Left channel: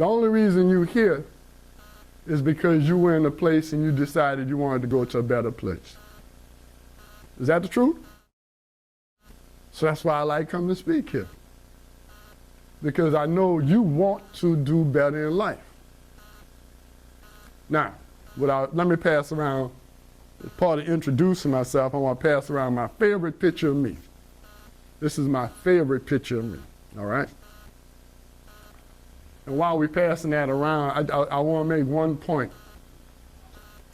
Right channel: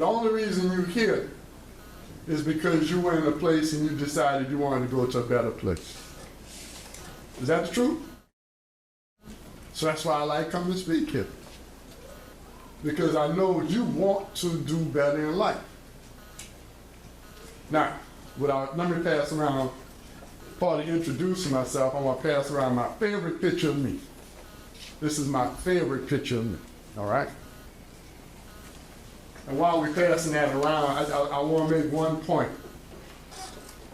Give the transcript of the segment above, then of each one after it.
The only reason you're here is because you were in a place and you decided you wanted to go to a better place. Is that the truth? So that's why I like coming to speak here. Because I know you want to do better in life. Now, let me pass around, part of introducing myself, I want to pass around my favorite picture of me. This is my favorite picture of me, all right? And while we're passing that around, I want to make one point.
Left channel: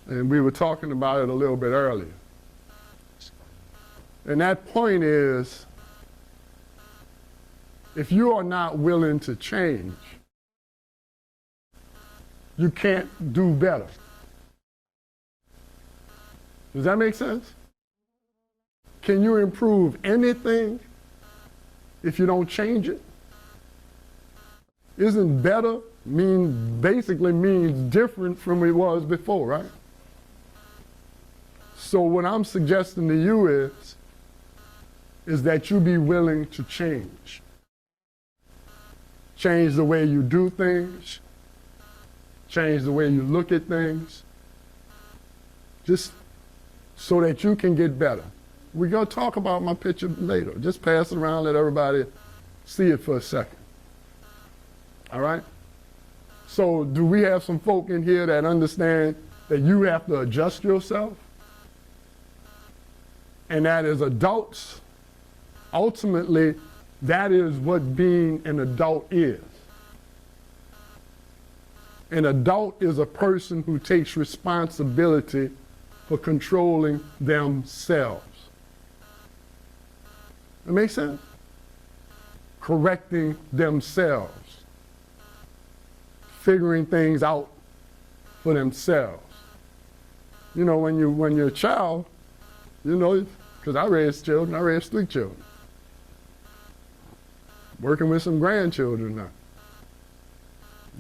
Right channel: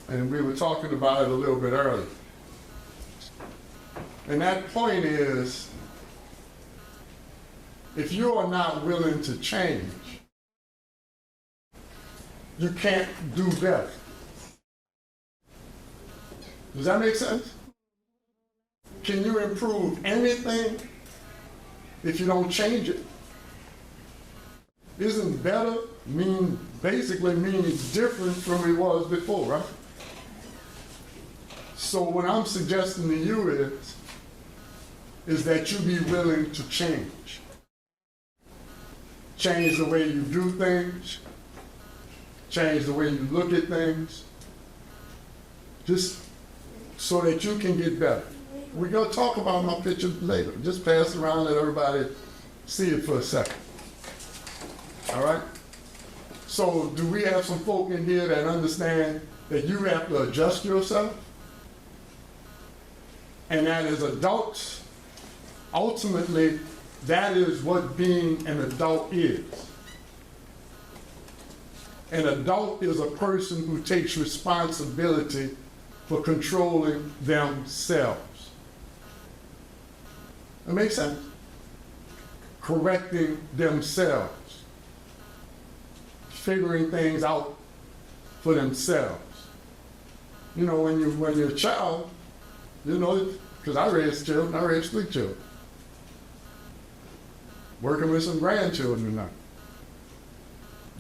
And we were talking about it a little bit earlier. And that point is, if you are not willing to change, you can't do better. Does that make sense? Can you improve anything if you don't change it? Isn't better basically means different from what it was before, right? So what I'm suggesting to you is that you be willing to change. Change the way you do things, change the way you look at things, just so that you can get better. We're gonna talk about my picture later. Just pass it around, let everybody see it for a second. All right? So do we have some folk in here that understand that you have to adjust yourself? And that as adults, ultimately, that is what being an adult is. An adult is a person who takes responsibility for controlling themselves. That makes sense? Correcting themselves. Figuring things out for themselves. You know, when you're a child, you know, because I raised children, I raised 3 children. Working with some grandchildren now.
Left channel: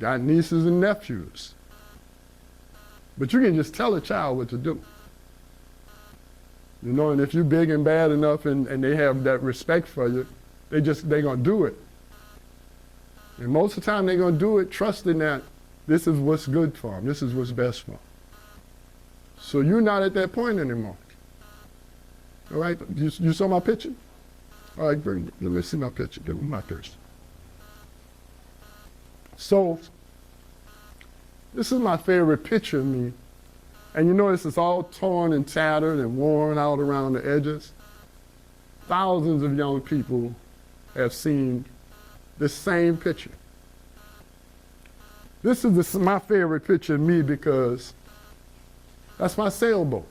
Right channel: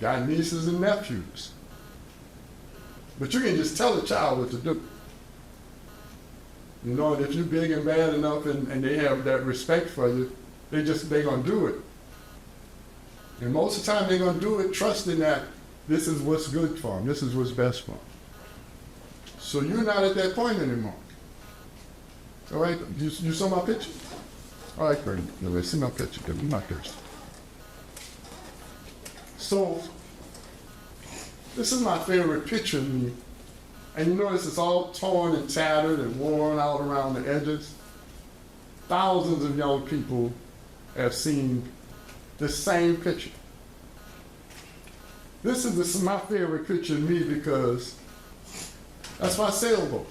Got nieces and nephews. But you can just tell a child what to do. You know, and if you're big and bad enough and they have that respect for you, they're gonna do it. And most of the time they're gonna do it trusting that this is what's good for them, this is what's best for them. So you're not at that point anymore. All right, you saw my picture? All right, great. Let's see my picture. My picture. So, this is my favorite picture of me. And you notice it's all torn and tattered and worn out around the edges. Thousands of young people have seen the same picture. This is my favorite picture of me because that's my sailboat.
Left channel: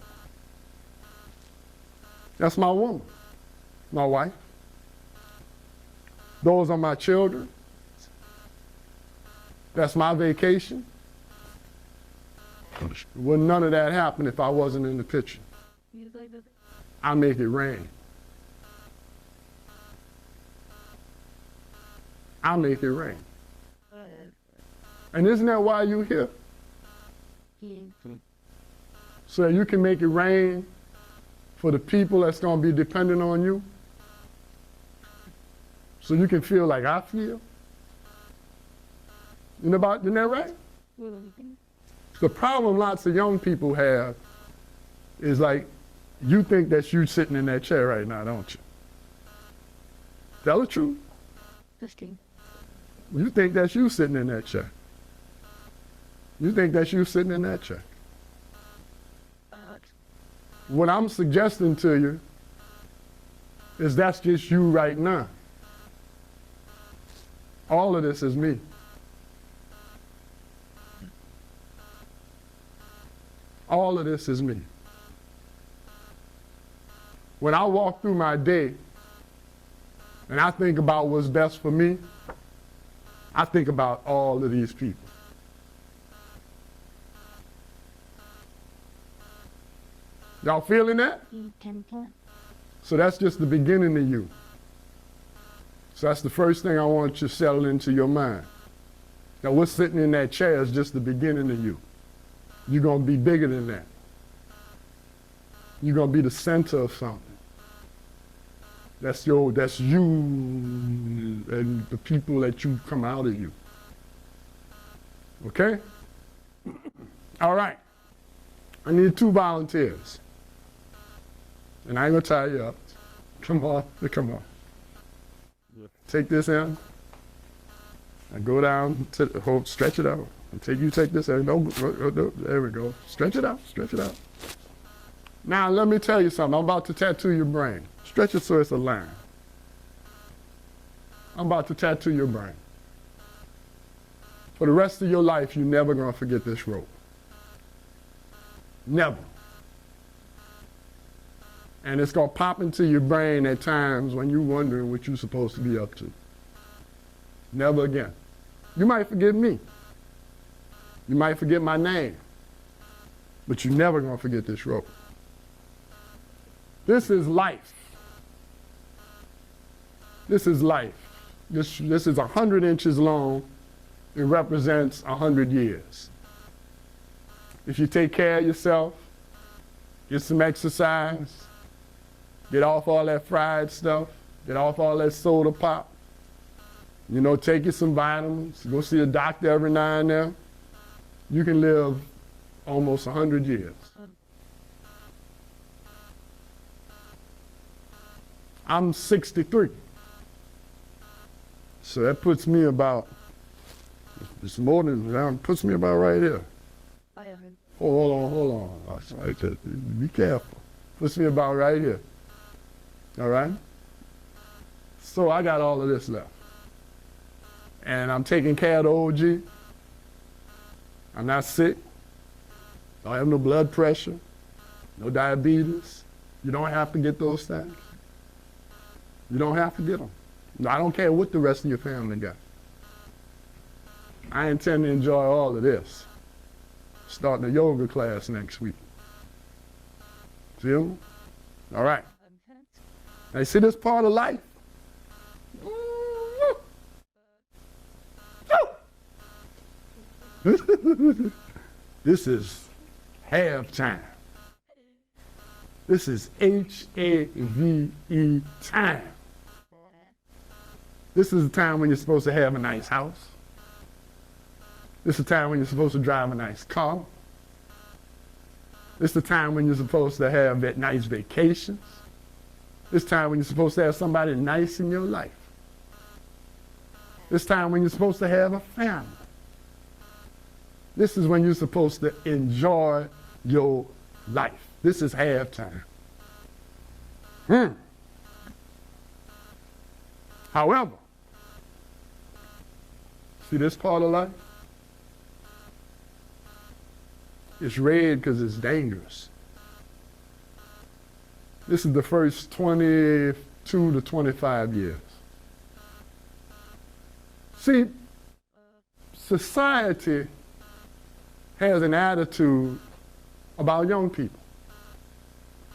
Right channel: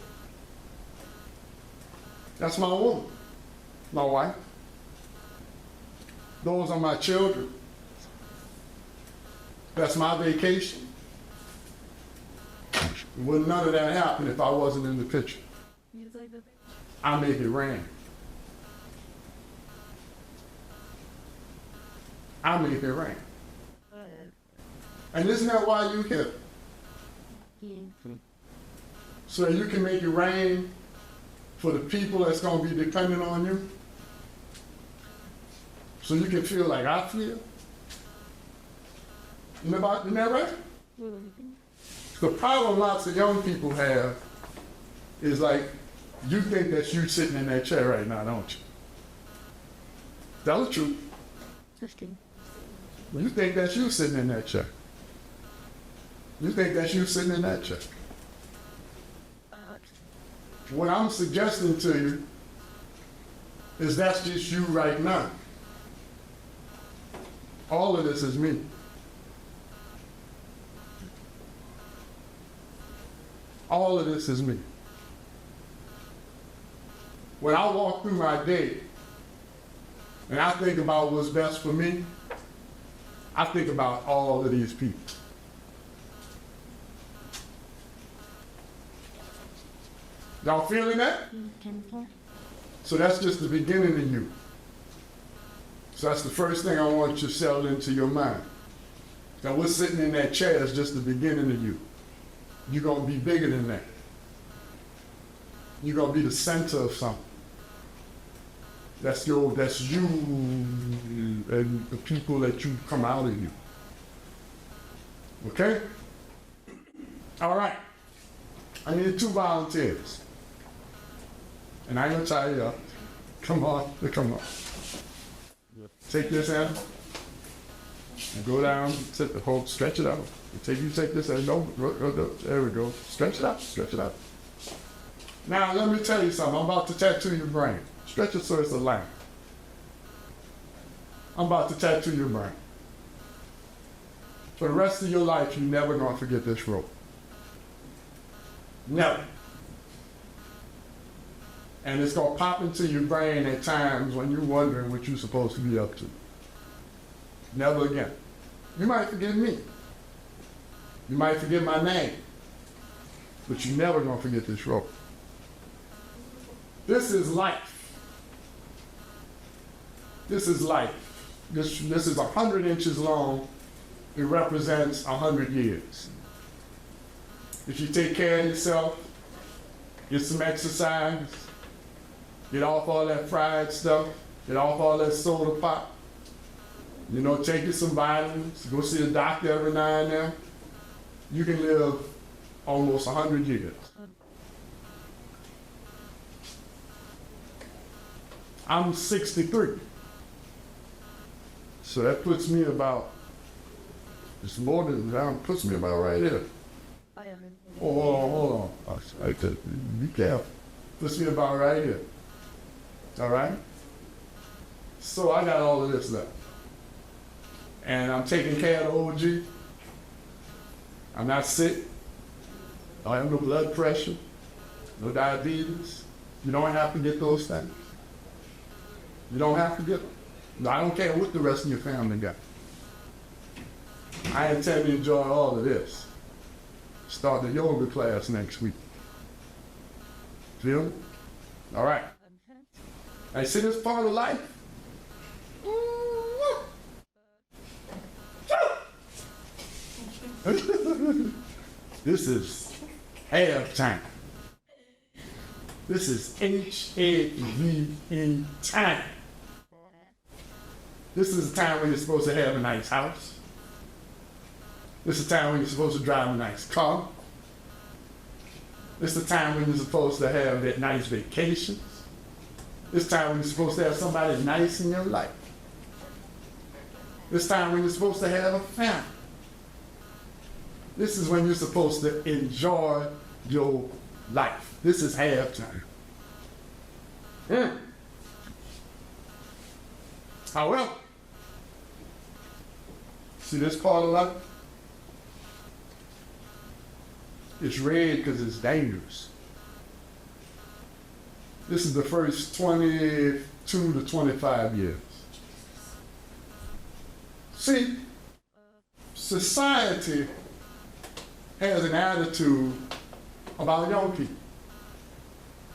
That's my woman, my wife. Those are my children. That's my vacation. Would none of that happen if I wasn't in the picture. I make it rain. I make it rain. And isn't that why you're here? So that you can make it rain for the people that's going to be dependent on you. So you can feel like I feel. Isn't that right? The problem lots of young people have is like, you think that you're sitting in that chair right now, don't you? Tell the truth. You think that you sitting in that chair. You think that you sitting in that chair. What I'm suggesting to you is that's just you right now. All of this is me. All of this is me. When I walk through my day and I think about what's best for me, I think about all of these people. Y'all feeling that? So that's just the beginning of you. So that's the first thing I want you to settle into your mind. Now what's sitting in that chair is just the beginning of you. You're going to be bigger than that. You're going to be the center of something. That's you and the people that you come out of you. Okay? All right. I need 2 volunteers. And I ain't gonna tie you up. Come on, come on. Take this in and go down, stretch it out. You take this in, there we go. Stretch it out, stretch it out. Now let me tell you something, I'm about to tattoo your brain. Stretch it so it's a line. I'm about to tattoo your brain. For the rest of your life, you're never gonna forget this rope. Never. And it's gonna pop into your brain at times when you're wondering what you're supposed to be up to. Never again. You might forget me. You might forget my name. But you're never gonna forget this rope. This is life. This is life. This is 100 inches long. It represents 100 years. If you take care of yourself, get some exercise, get off all that fried stuff, get off all that soda pop, you know, take you some vitamins, go see a doctor every now and then, you can live almost 100 years. I'm 63. So that puts me about, it's more than that, puts me about right here. Hold on. Be careful. Puts me about right here. All right? So I got all of this left. And I'm taking care of the OG. I'm not sick. I have no blood pressure, no diabetes. You don't have to get those things. You don't have to get them. No, I don't care what the rest of your family got. I intend to enjoy all of this. Start the yoga class next week. Feel? All right. I see this part of life. This is halftime. This is HAVE time. This is the time when you're supposed to have a nice house. This is the time when you're supposed to drive a nice car. This is the time when you're supposed to have that nice vacation. This time when you're supposed to have somebody nice in your life. This time when you're supposed to have a family. This is when you're supposed to enjoy your life. This is halftime. However, see this part of life? It's red because it's dangerous. This is the first 22 to 25 years. See, society has an attitude about young people.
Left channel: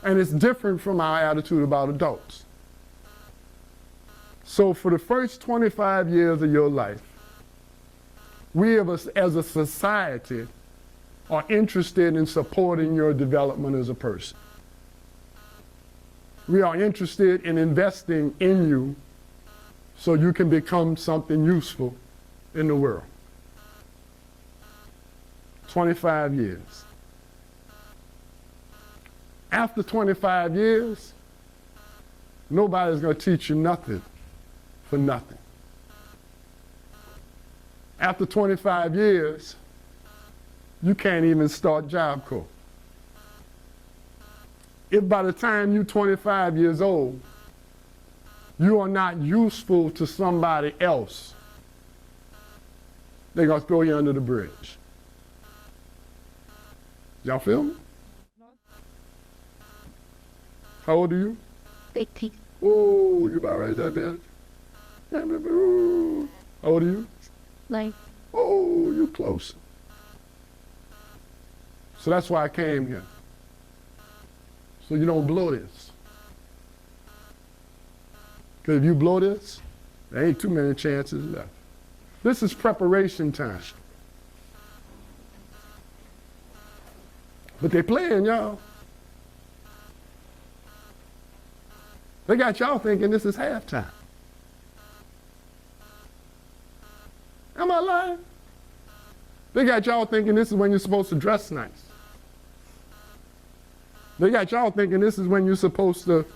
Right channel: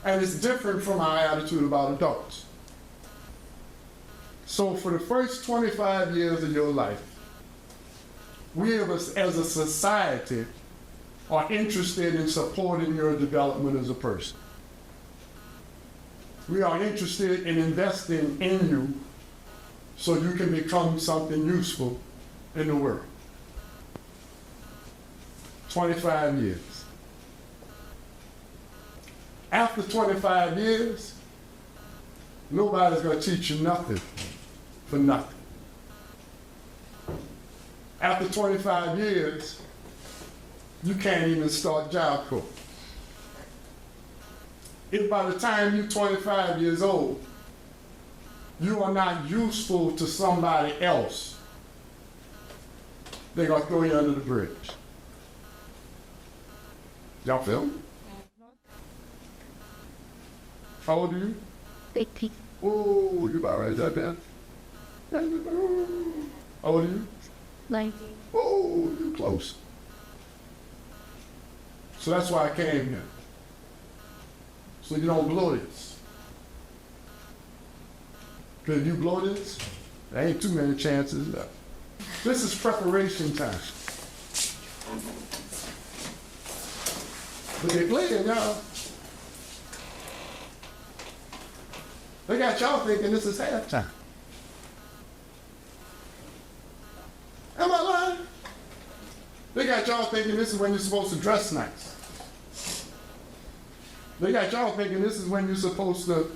And it's different from our attitude about adults. So for the first 25 years of your life, we as a society are interested in supporting your development as a person. We are interested in investing in you so you can become something useful in the world. 25 years. After 25 years, nobody's going to teach you nothing for nothing. After 25 years, you can't even start Job Corps. If by the time you're 25 years old, you are not useful to somebody else, they're going to throw you under the bridge. Y'all feel me? How old are you? 18. Oh, you about right there, man. How old are you? 9. Oh, you're close. So that's why I came here. So you don't blow this. Because if you blow this, there ain't too many chances left. This is preparation time. But they're playing, y'all. They got y'all thinking this is halftime. Am I lying? They got y'all thinking this is when you're supposed to dress nice. They got y'all thinking this is when you're supposed to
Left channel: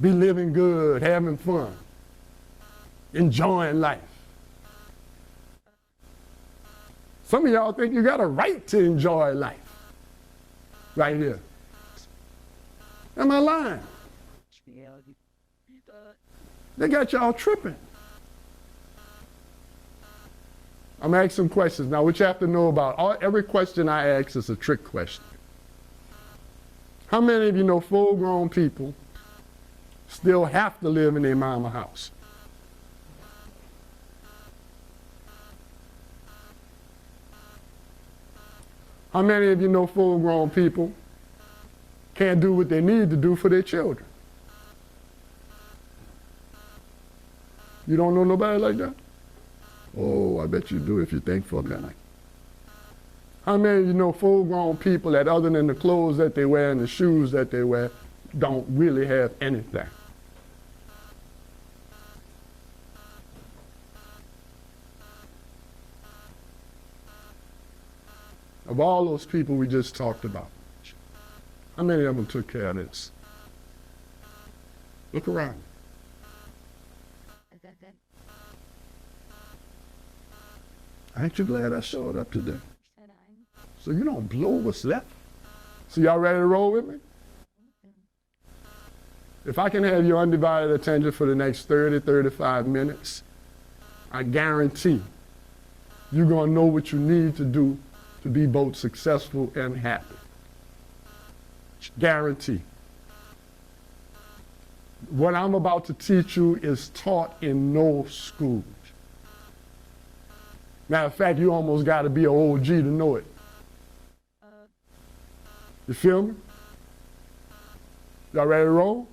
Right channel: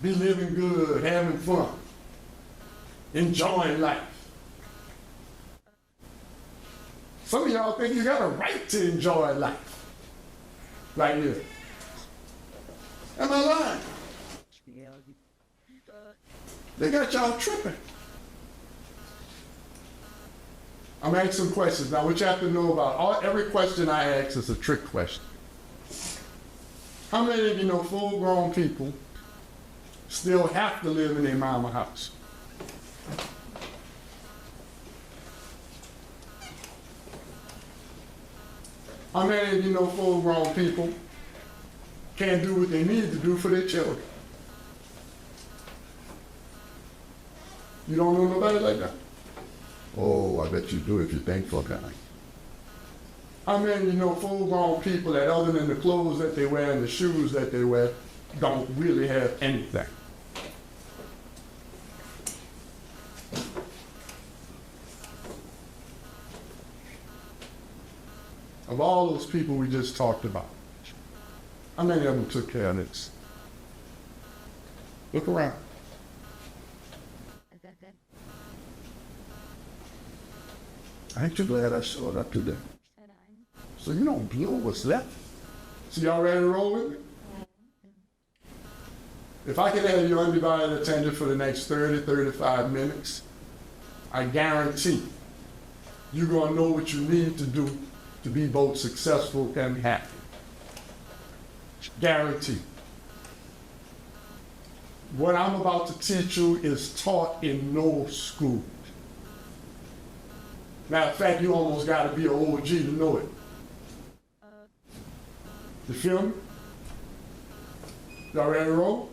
be living good, having fun, enjoying life. Some of y'all think you got a right to enjoy life right there. Am I lying? They got y'all tripping. I'm asking some questions. Now, what you have to know about every question I ask is a trick question. How many of you know full-grown people still have to live in their mama house? How many of you know full-grown people can't do what they need to do for their children? You don't know nobody like that? Oh, I bet you do if you think for that. How many of you know full-grown people that other than the clothes that they wear and the shoes that they wear don't really have anything? Of all those people we just talked about, how many of them took care of this? It's well. Aren't you glad I showed up today? So you don't blow what's left. So y'all ready to roll with me? If I can have your undivided attention for the next 30, 35 minutes, I guarantee you're gonna know what you need to do to be both successful and happy. Guarantee. What I'm about to teach you is taught in no school. Matter of fact, you almost got to be an OG to know it. You feel me? Y'all ready to roll?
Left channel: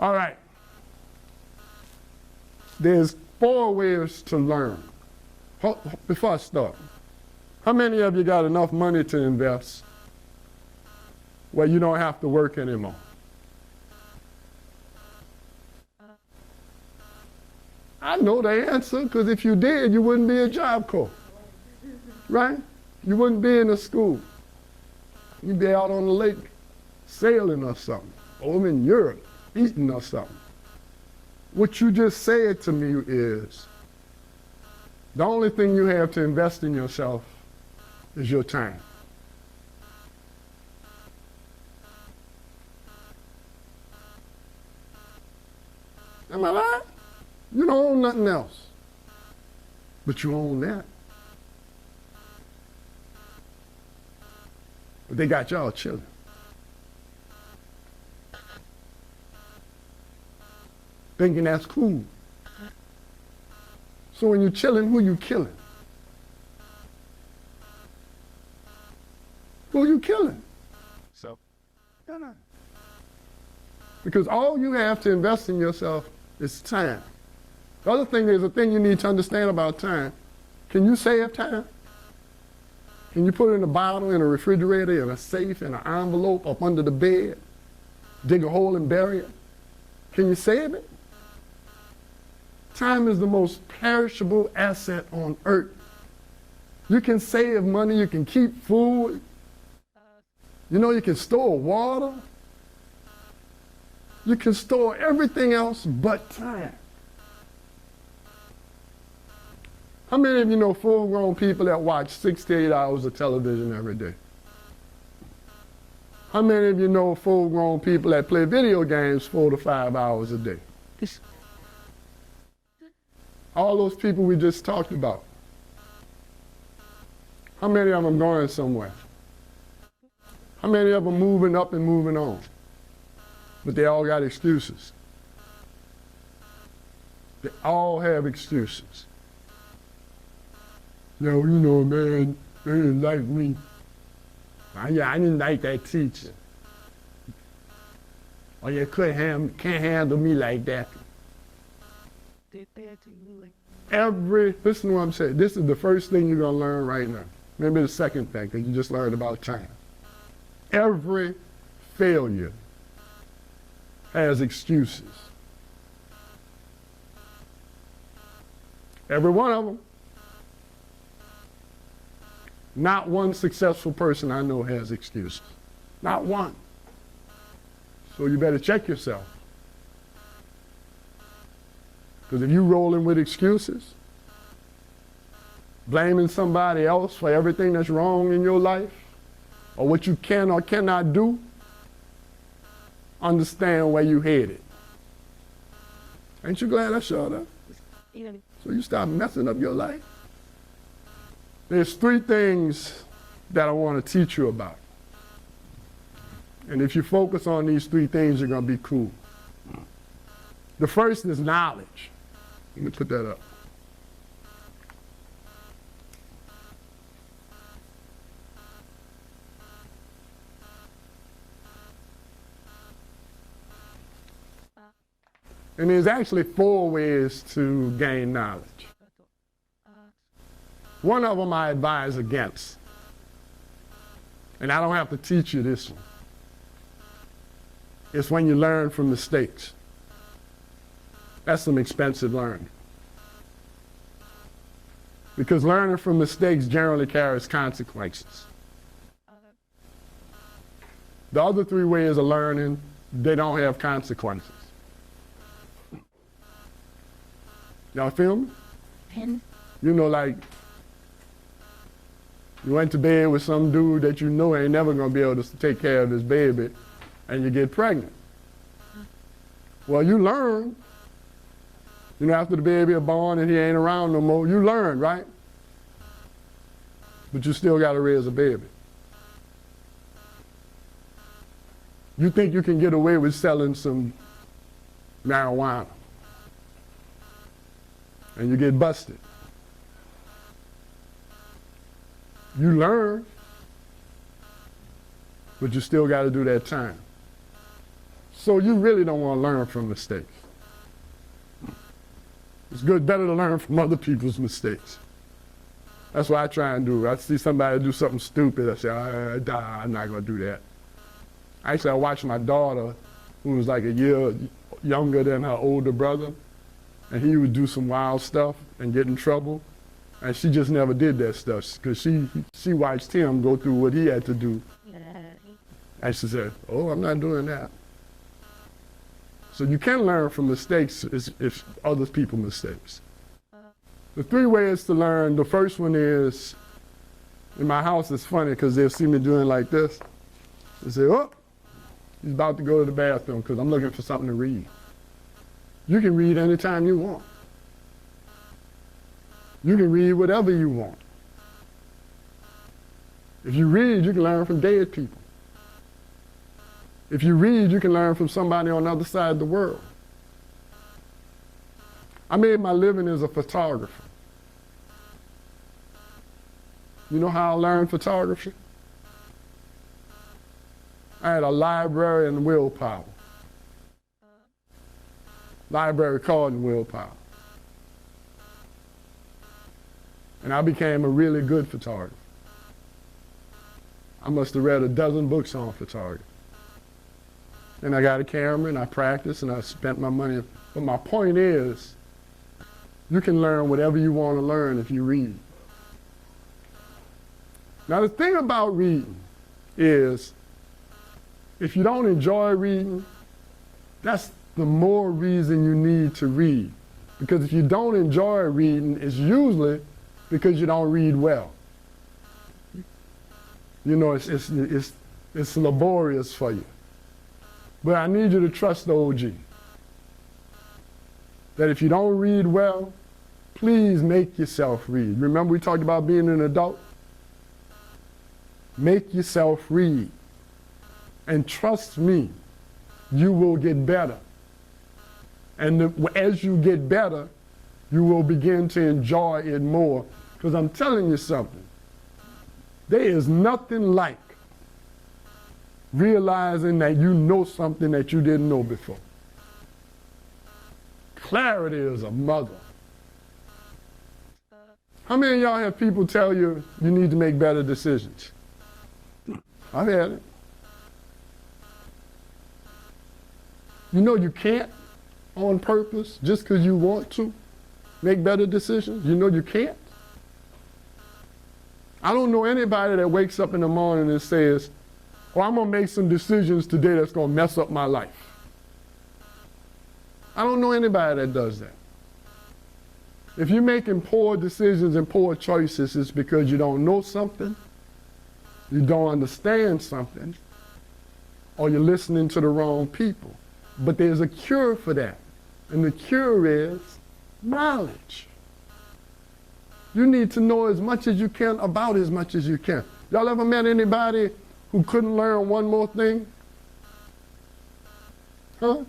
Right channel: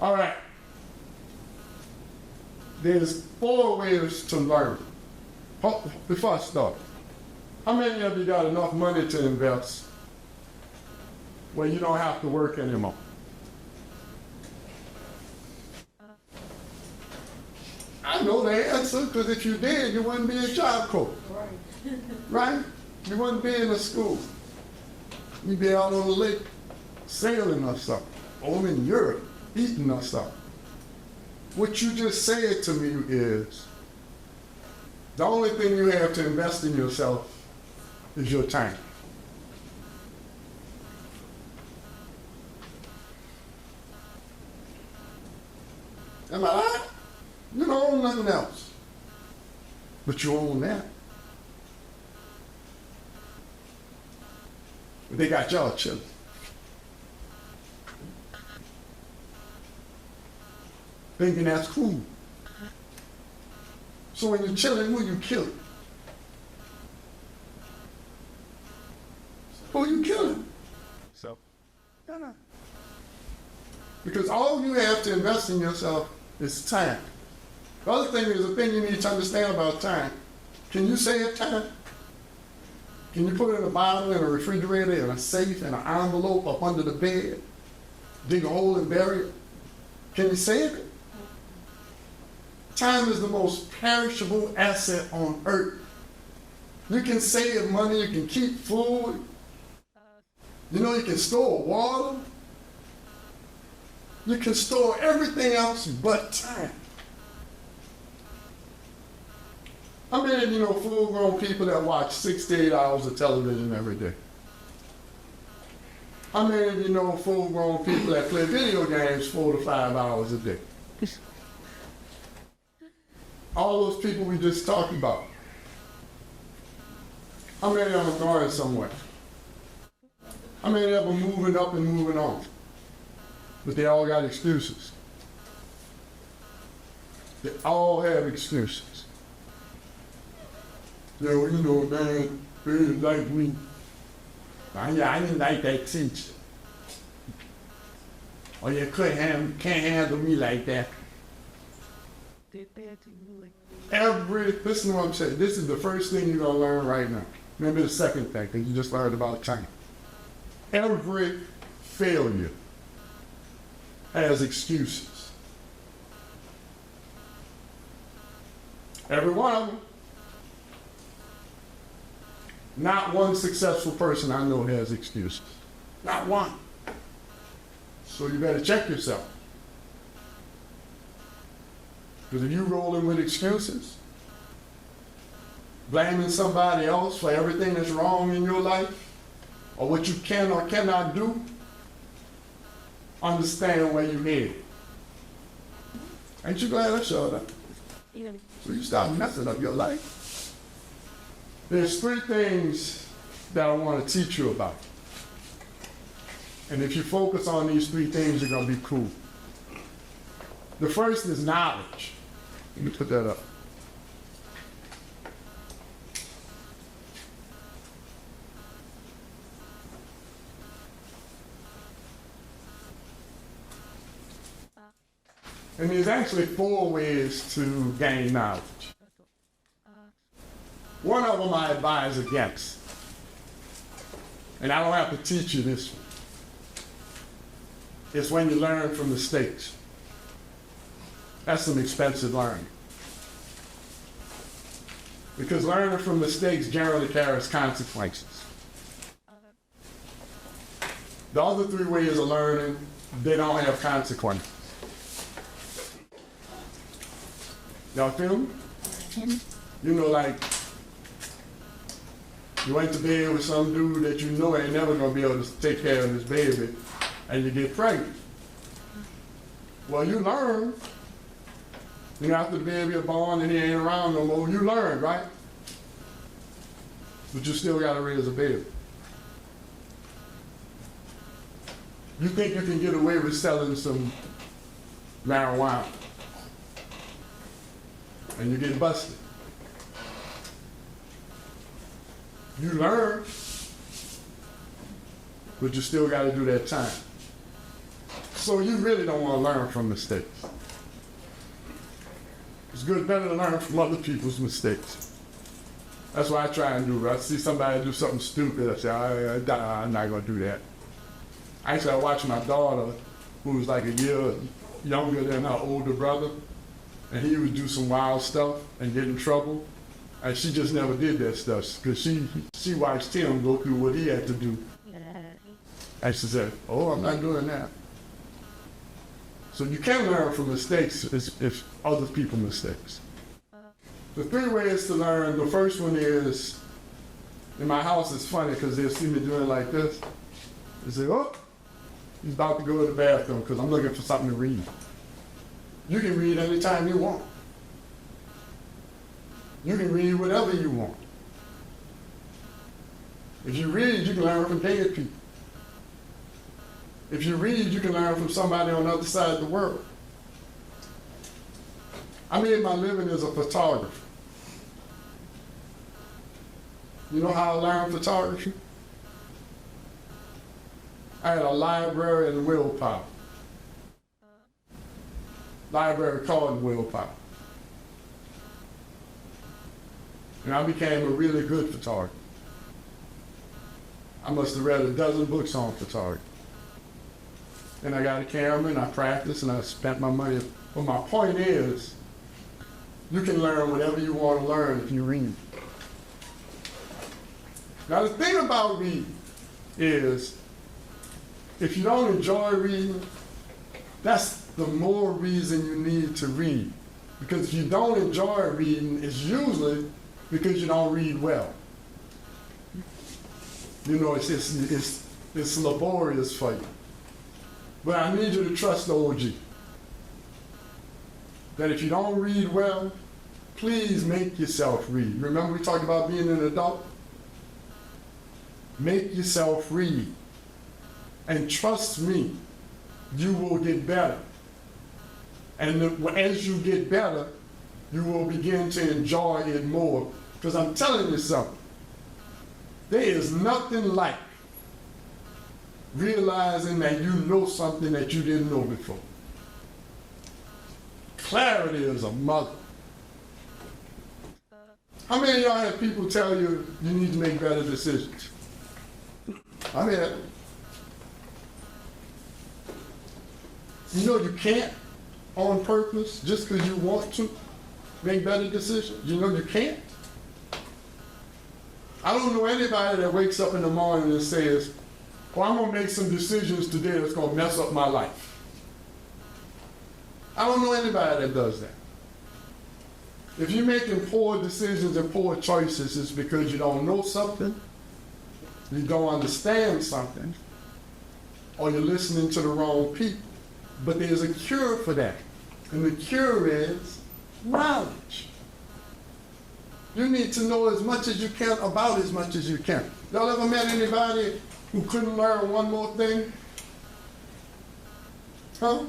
All right. There's 4 ways to learn. Before I start, how many of you got enough money to invest where you don't have to work anymore? I know the answer, because if you did, you wouldn't be a Job Corps. Right? You wouldn't be in a school. You'd be out on the lake sailing or something, or in Europe eating or something. What you just said to me is, the only thing you have to invest in yourself is your time. Am I right? You don't own nothing else, but you own that. But they got y'all chilling. Thinking that's cool. So when you're chilling, who you killing? Who you killing? So, no. Because all you have to invest in yourself is time. The other thing is, the thing you need to understand about time. Can you save time? Can you put it in a bottle, in a refrigerator, in a safe, in an envelope, up under the bed, dig a hole and bury it? Can you save it? Time is the most perishable asset on earth. You can save money, you can keep food. You know, you can store water. You can store everything else but time. How many of you know full-grown people that watch 6 to 8 hours of television every day? How many of you know full-grown people that play video games 4 to 5 hours a day? All those people we just talked about. How many of them going somewhere? How many of them moving up and moving on? But they all got excuses. They all have excuses. So, you know, man, they didn't like me. I didn't like that teacher. Or you can't handle me like that. Listen to what I'm saying. This is the first thing you're gonna learn right now. Maybe the second thing that you just learned about time. Every failure has excuses. Every one of them. Not one successful person I know has excuses. Not one. So you better check yourself. Because if you're rolling with excuses, blaming somebody else for everything that's wrong in your life, or what you can or cannot do, understand where you're headed. Ain't you glad I showed up? So you start messing up your life. There's 3 things that I want to teach you about. And if you focus on these 3 things, you're going to be cool. The first is knowledge. Let me put that up. And there's actually 4 ways to gain knowledge. One of them I advise against. And I don't have to teach you this one. It's when you learn from mistakes. That's some expensive learning. Because learning from mistakes generally carries consequences. The other 3 ways of learning, they don't have consequences. Y'all feel me? You know, like, you went to bed with some dude that you know ain't never gonna be able to take care of this baby, and you get pregnant. Well, you learn. You know, after the baby is born and he ain't around no more, you learn, right? But you still gotta raise a baby. You think you can get away with selling some marijuana, and you get busted. You learn, but you still got to do that time. So you really don't want to learn from mistakes. It's better to learn from other people's mistakes. That's what I try and do. I see somebody do something stupid, I say, I'm not going to do that. Actually, I watched my daughter, who was like a year younger than her older brother, and he would do some wild stuff and get in trouble. And she just never did that stuff because she watched him go through what he had to do. And she said, oh, I'm not doing that. So you can learn from mistakes if other people's mistakes. The 3 ways to learn, the first one is, in my house it's funny because they'll see me doing like this. They say, oh, he's about to go to the bathroom because I'm looking for something to read. You can read anytime you want. You can read whatever you want. If you read, you can learn from dead people. If you read, you can learn from somebody on the other side of the world. I made my living as a photographer. You know how I learned photography? I had a library in Willpower. Library called Willpower. And I became a really good photographer. I must have read a dozen books on photography. Then I got a camera and I practiced and I spent my money. But my point is, you can learn whatever you want to learn if you read. Now the thing about reading is, if you don't enjoy reading, that's the more reason you need to read. Because if you don't enjoy reading, it's usually because you don't read well. You know, it's laborious for you. But I need you to trust the OG. That if you don't read well, please make yourself read. Remember we talked about being an adult? Make yourself read. And trust me, you will get better. And as you get better, you will begin to enjoy it more. Because I'm telling you something, there is nothing like realizing that you know something that you didn't know before. Clarity is a mother. How many of y'all have people tell you you need to make better decisions? I've had it. You know you can't on purpose just because you want to make better decisions. You know you can't. I don't know anybody that wakes up in the morning and says, oh, I'm gonna make some decisions today that's gonna mess up my life. I don't know anybody that does that. If you're making poor decisions and poor choices, it's because you don't know something, you don't understand something, or you're listening to the wrong people. But there's a cure for that. And the cure is knowledge. You need to know as much as you can about as much as you can. Y'all ever met anybody who couldn't learn one more thing? Huh?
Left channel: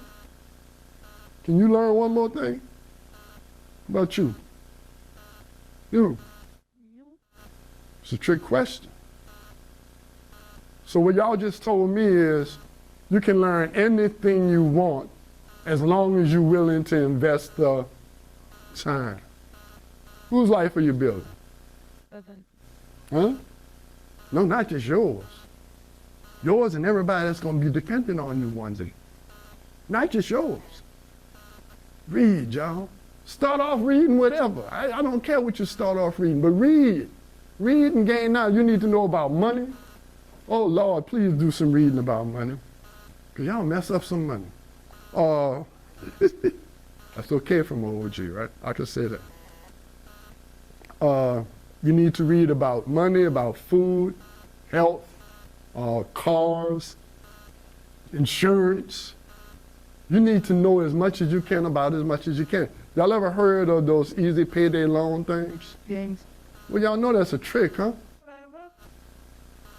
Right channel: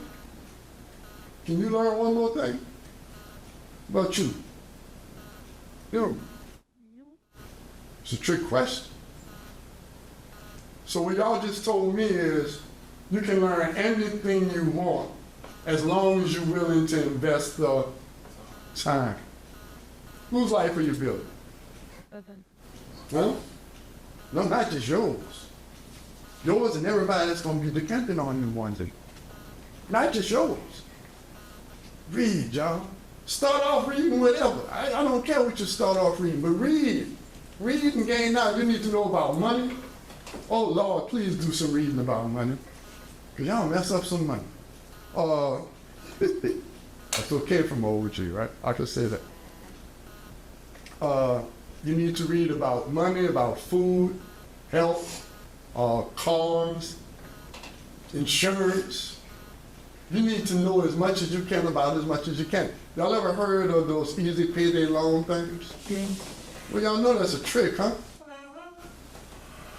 Can you learn one more thing? What about you? You. It's a trick question. So what y'all just told me is you can learn anything you want as long as you're willing to invest the time. Whose life are you building? Huh? No, not just yours. Yours and everybody that's going to be dependent on you one day. Not just yours. Read, y'all. Start off reading whatever. I don't care what you start off reading, but read. Read and gain knowledge. You need to know about money. Oh, Lord, please do some reading about money. Because y'all mess up some money. That's okay from OG, right? I could say that. You need to read about money, about food, health, cars, insurance. You need to know as much as you can about as much as you can. Y'all ever heard of those easy payday loan things? Yes. Well, y'all know that's a trick, huh?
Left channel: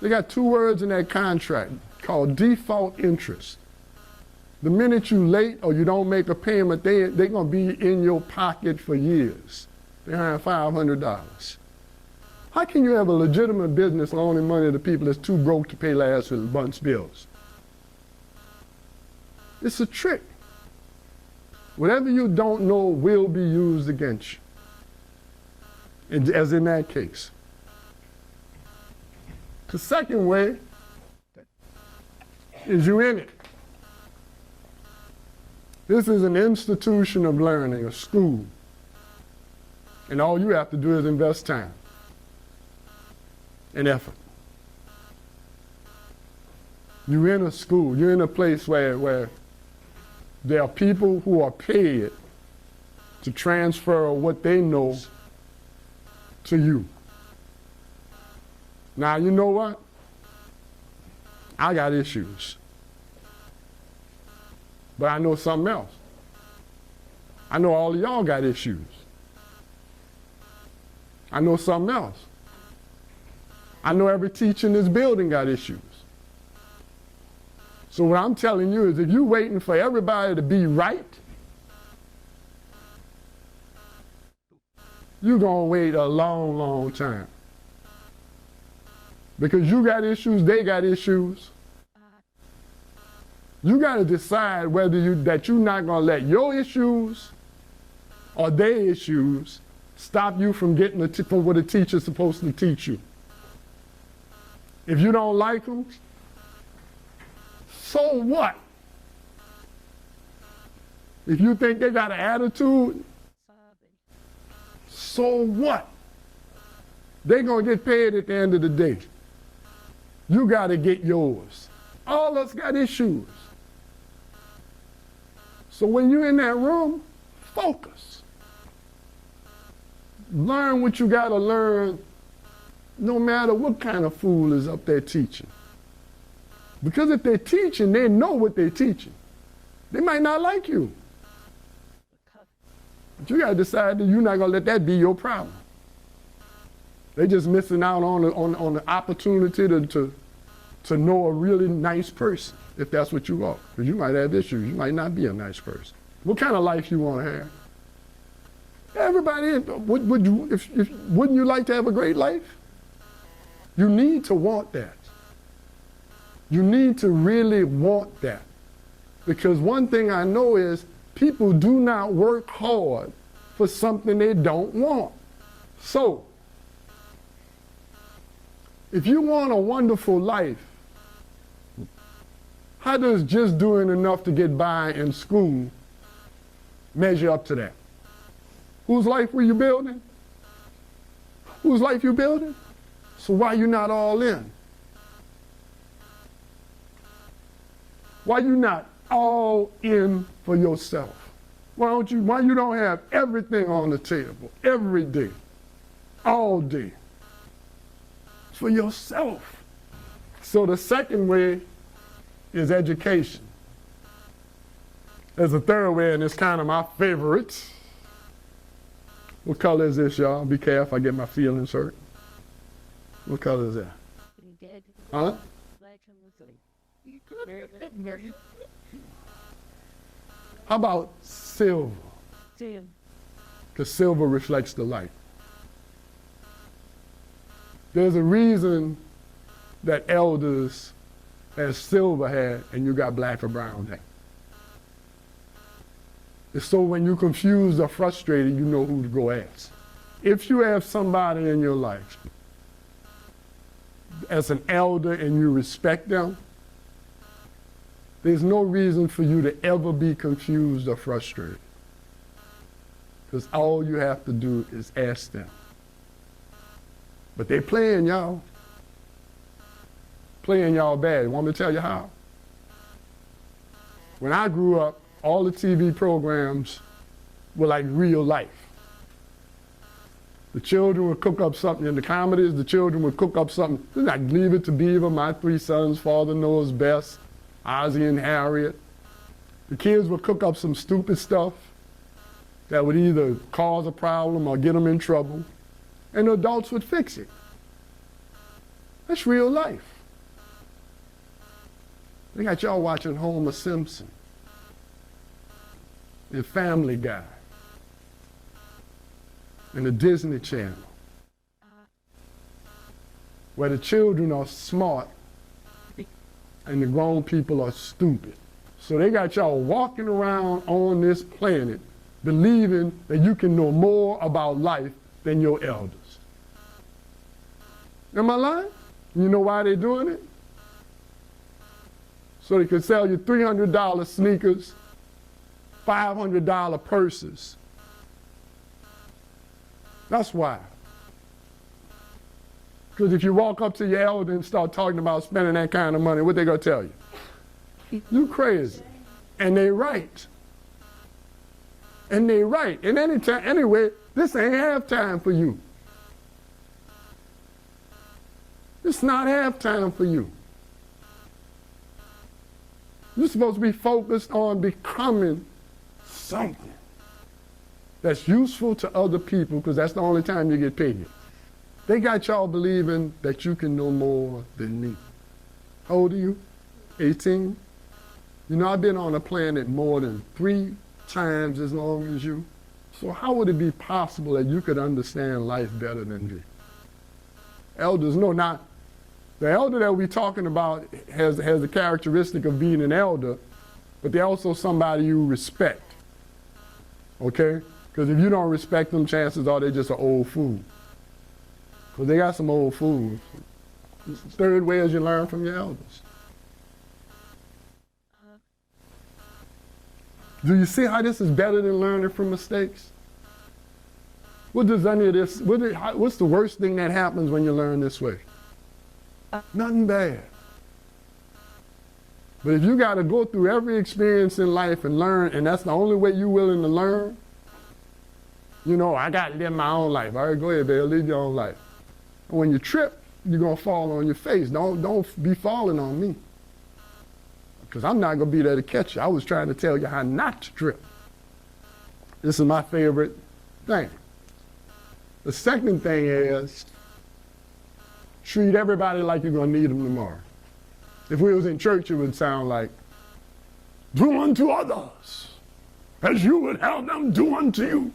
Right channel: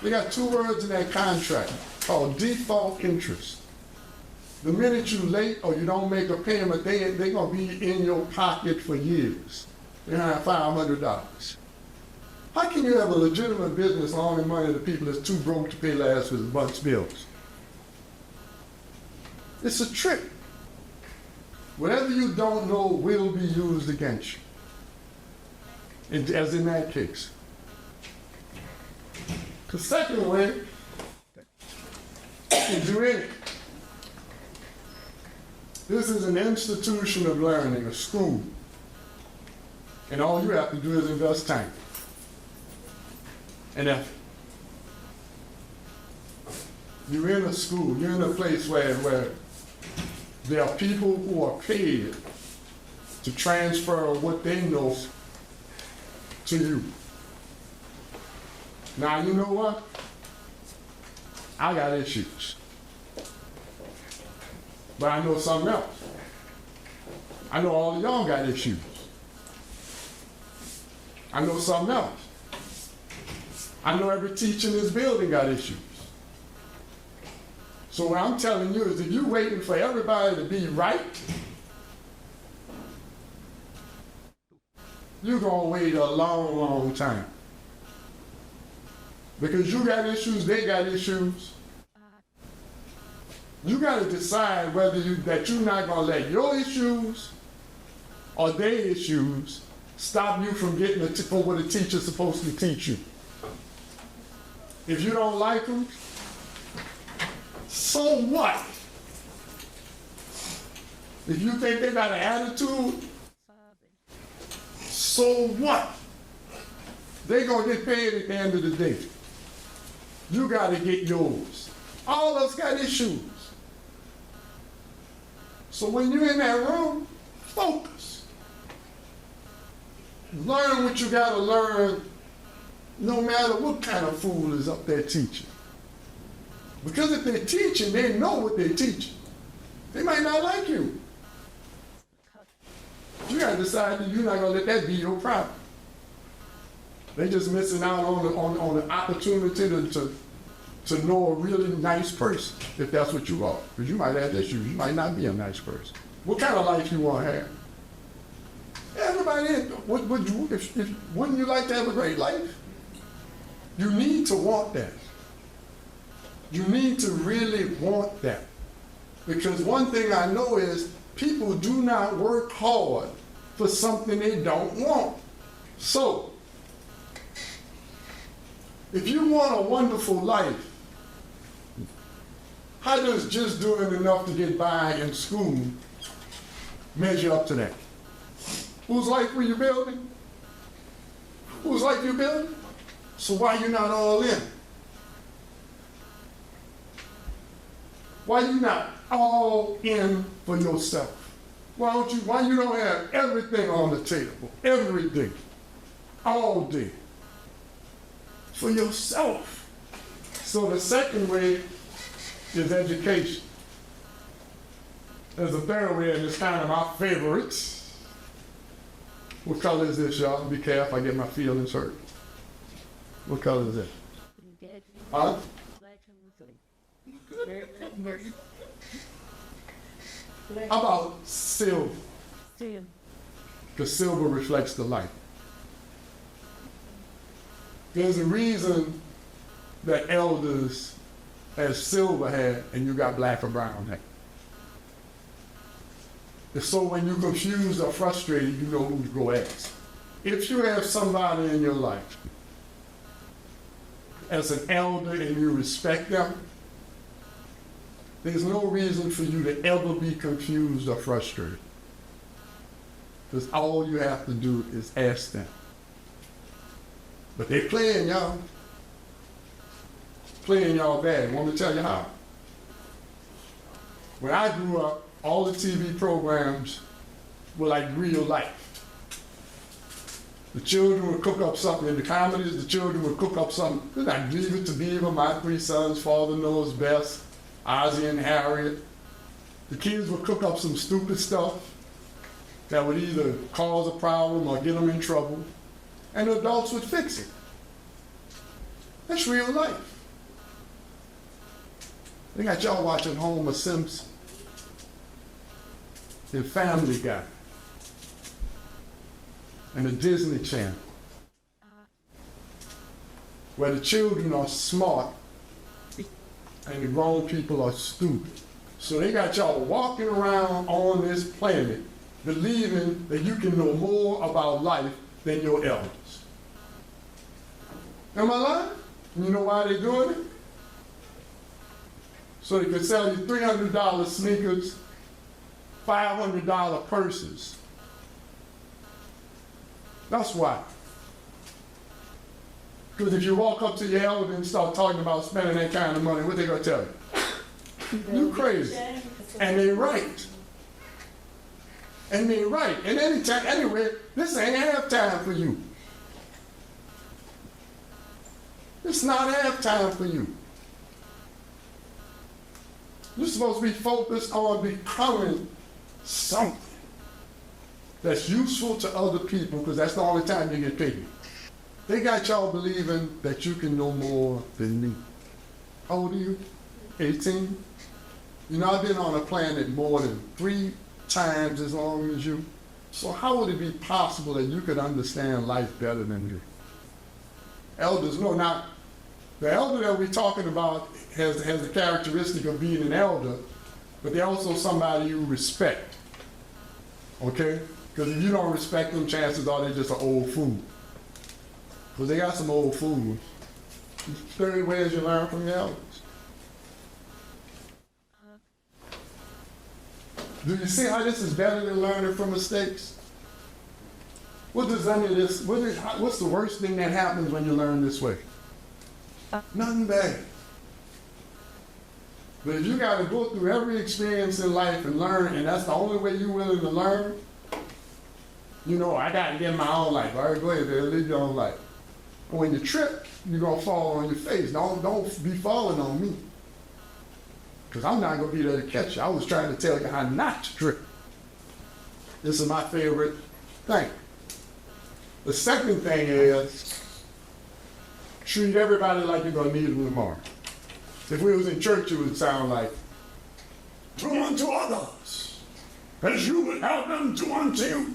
They got two words in that contract called default interest. The minute you late or you don't make a payment, they're gonna be in your pocket for years. They have $500. How can you have a legitimate business loaning money to people that's too broke to pay last month's bills? It's a trick. Whatever you don't know will be used against you. And as in that case. The second way is you're in it. This is an institution of learning, a school. And all you have to do is invest time and effort. You're in a school, you're in a place where there are people who are paid to transfer what they know to you. Now, you know what? I got issues. But I know something else. I know all of y'all got issues. I know something else. I know every teacher in this building got issues. So what I'm telling you is if you're waiting for everybody to be right, you're gonna wait a long, long time. Because you got issues, they got issues. You gotta decide whether that you're not gonna let your issues or their issues stop you from getting what a teacher's supposed to teach you. If you don't like them, so what? If you think they got an attitude, so what? They're gonna get paid at the end of the day. You gotta get yours. All of us got issues. So when you're in that room, focus. Learn what you gotta learn, no matter what kind of fool is up there teaching. Because if they're teaching, they know what they're teaching. They might not like you. You gotta decide that you're not gonna let that be your problem. They're just missing out on the opportunity to know a really nice person, if that's what you are. Because you might have issues, you might not be a nice person. What kind of life you want to have? Everybody, wouldn't you like to have a great life? You need to want that. You need to really want that. Because one thing I know is people do not work hard for something they don't want. So, if you want a wonderful life, how does just doing enough to get by in school measure up to that? Whose life were you building? Whose life you building? So why you not all in? Why you not all in for yourself? Why you don't have everything on the table, every day, all day, for yourself? So the second way is education. There's a third way, and it's kind of my favorites. What color is this, y'all? Be careful, I get my feelings hurt. What color is that? Huh? How about silver? Because silver reflects the light. There's a reason that elders have silver hair and you got black or brown hair. It's so when you're confused or frustrated, you know who to go ask. If you have somebody in your life as an elder and you respect them, there's no reason for you to ever be confused or frustrated. Because all you have to do is ask them. But they playing y'all. Playing y'all bad. Want me to tell you how? When I grew up, all the TV programs were like real life. The children would cook up something in the comedies, the children would cook up something like Leave It to Beaver, My Three Sons, Father Knows Best, Ozzie and Harriet. The kids would cook up some stupid stuff that would either cause a problem or get them in trouble, and the adults would fix it. That's real life. They got y'all watching Homer Simpson, the Family Guy, and the Disney Channel, where the children are smart and the grown people are stupid. So they got y'all walking around on this planet believing that you can know more about life than your elders. Am I lying? You know why they're doing it? So they could sell you $300 sneakers, $500 purses. That's why. Because if you walk up to your elder and start talking about spending that kind of money, what they gonna tell you? You crazy. And they right. And they right. And anyway, this ain't halftime for you. It's not halftime for you. You're supposed to be focused on becoming something that's useful to other people, because that's the only time you get paid. They got y'all believing that you can know more than me. How old are you? 18? You know, I've been on a planet more than 3 times as long as you. So how would it be possible that you could understand life better than me? Elders, no, not. The elder that we're talking about has the characteristic of being an elder, but they're also somebody you respect. Okay? Because if you don't respect them, chances are they're just an old fool. Because they got some old fools. Third way is you learn from your elders. Do you see how this is better than learning from mistakes? What does any of this, what's the worst thing that happens when you learn this way? Nothing bad. But if you gotta go through every experience in life and learn, and that's the only way you're willing to learn, you know, I got it in my own life. All right, go ahead, Dale, live your own life. But when you trip, you're gonna fall on your face. Don't be falling on me. Because I'm not gonna be there to catch you. I was trying to tell you how not to trip. This is my favorite thing. The second thing is, treat everybody like you're gonna need them tomorrow. If we was in church, it would sound like, do unto others as you would have them do unto you.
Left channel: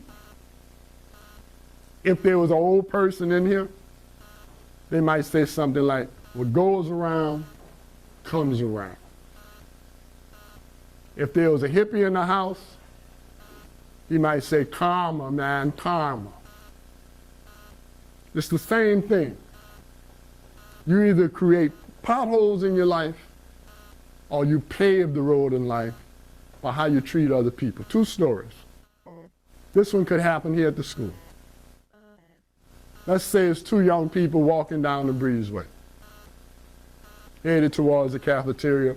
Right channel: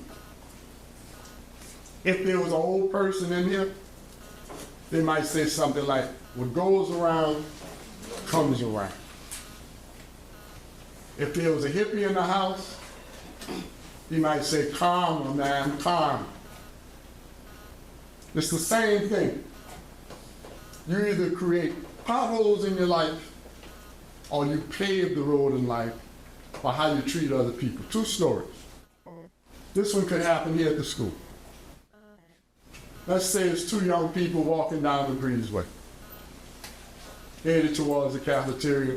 If there was an old person in here, they might say something like, what goes around comes around. If there was a hippie in the house, he might say, karma, man, karma. It's the same thing. You either create potholes in your life or you pave the road in life by how you treat other people. 2 stories. This one could happen here at the school. Let's say it's two young people walking down the breezeway, headed towards the cafeteria,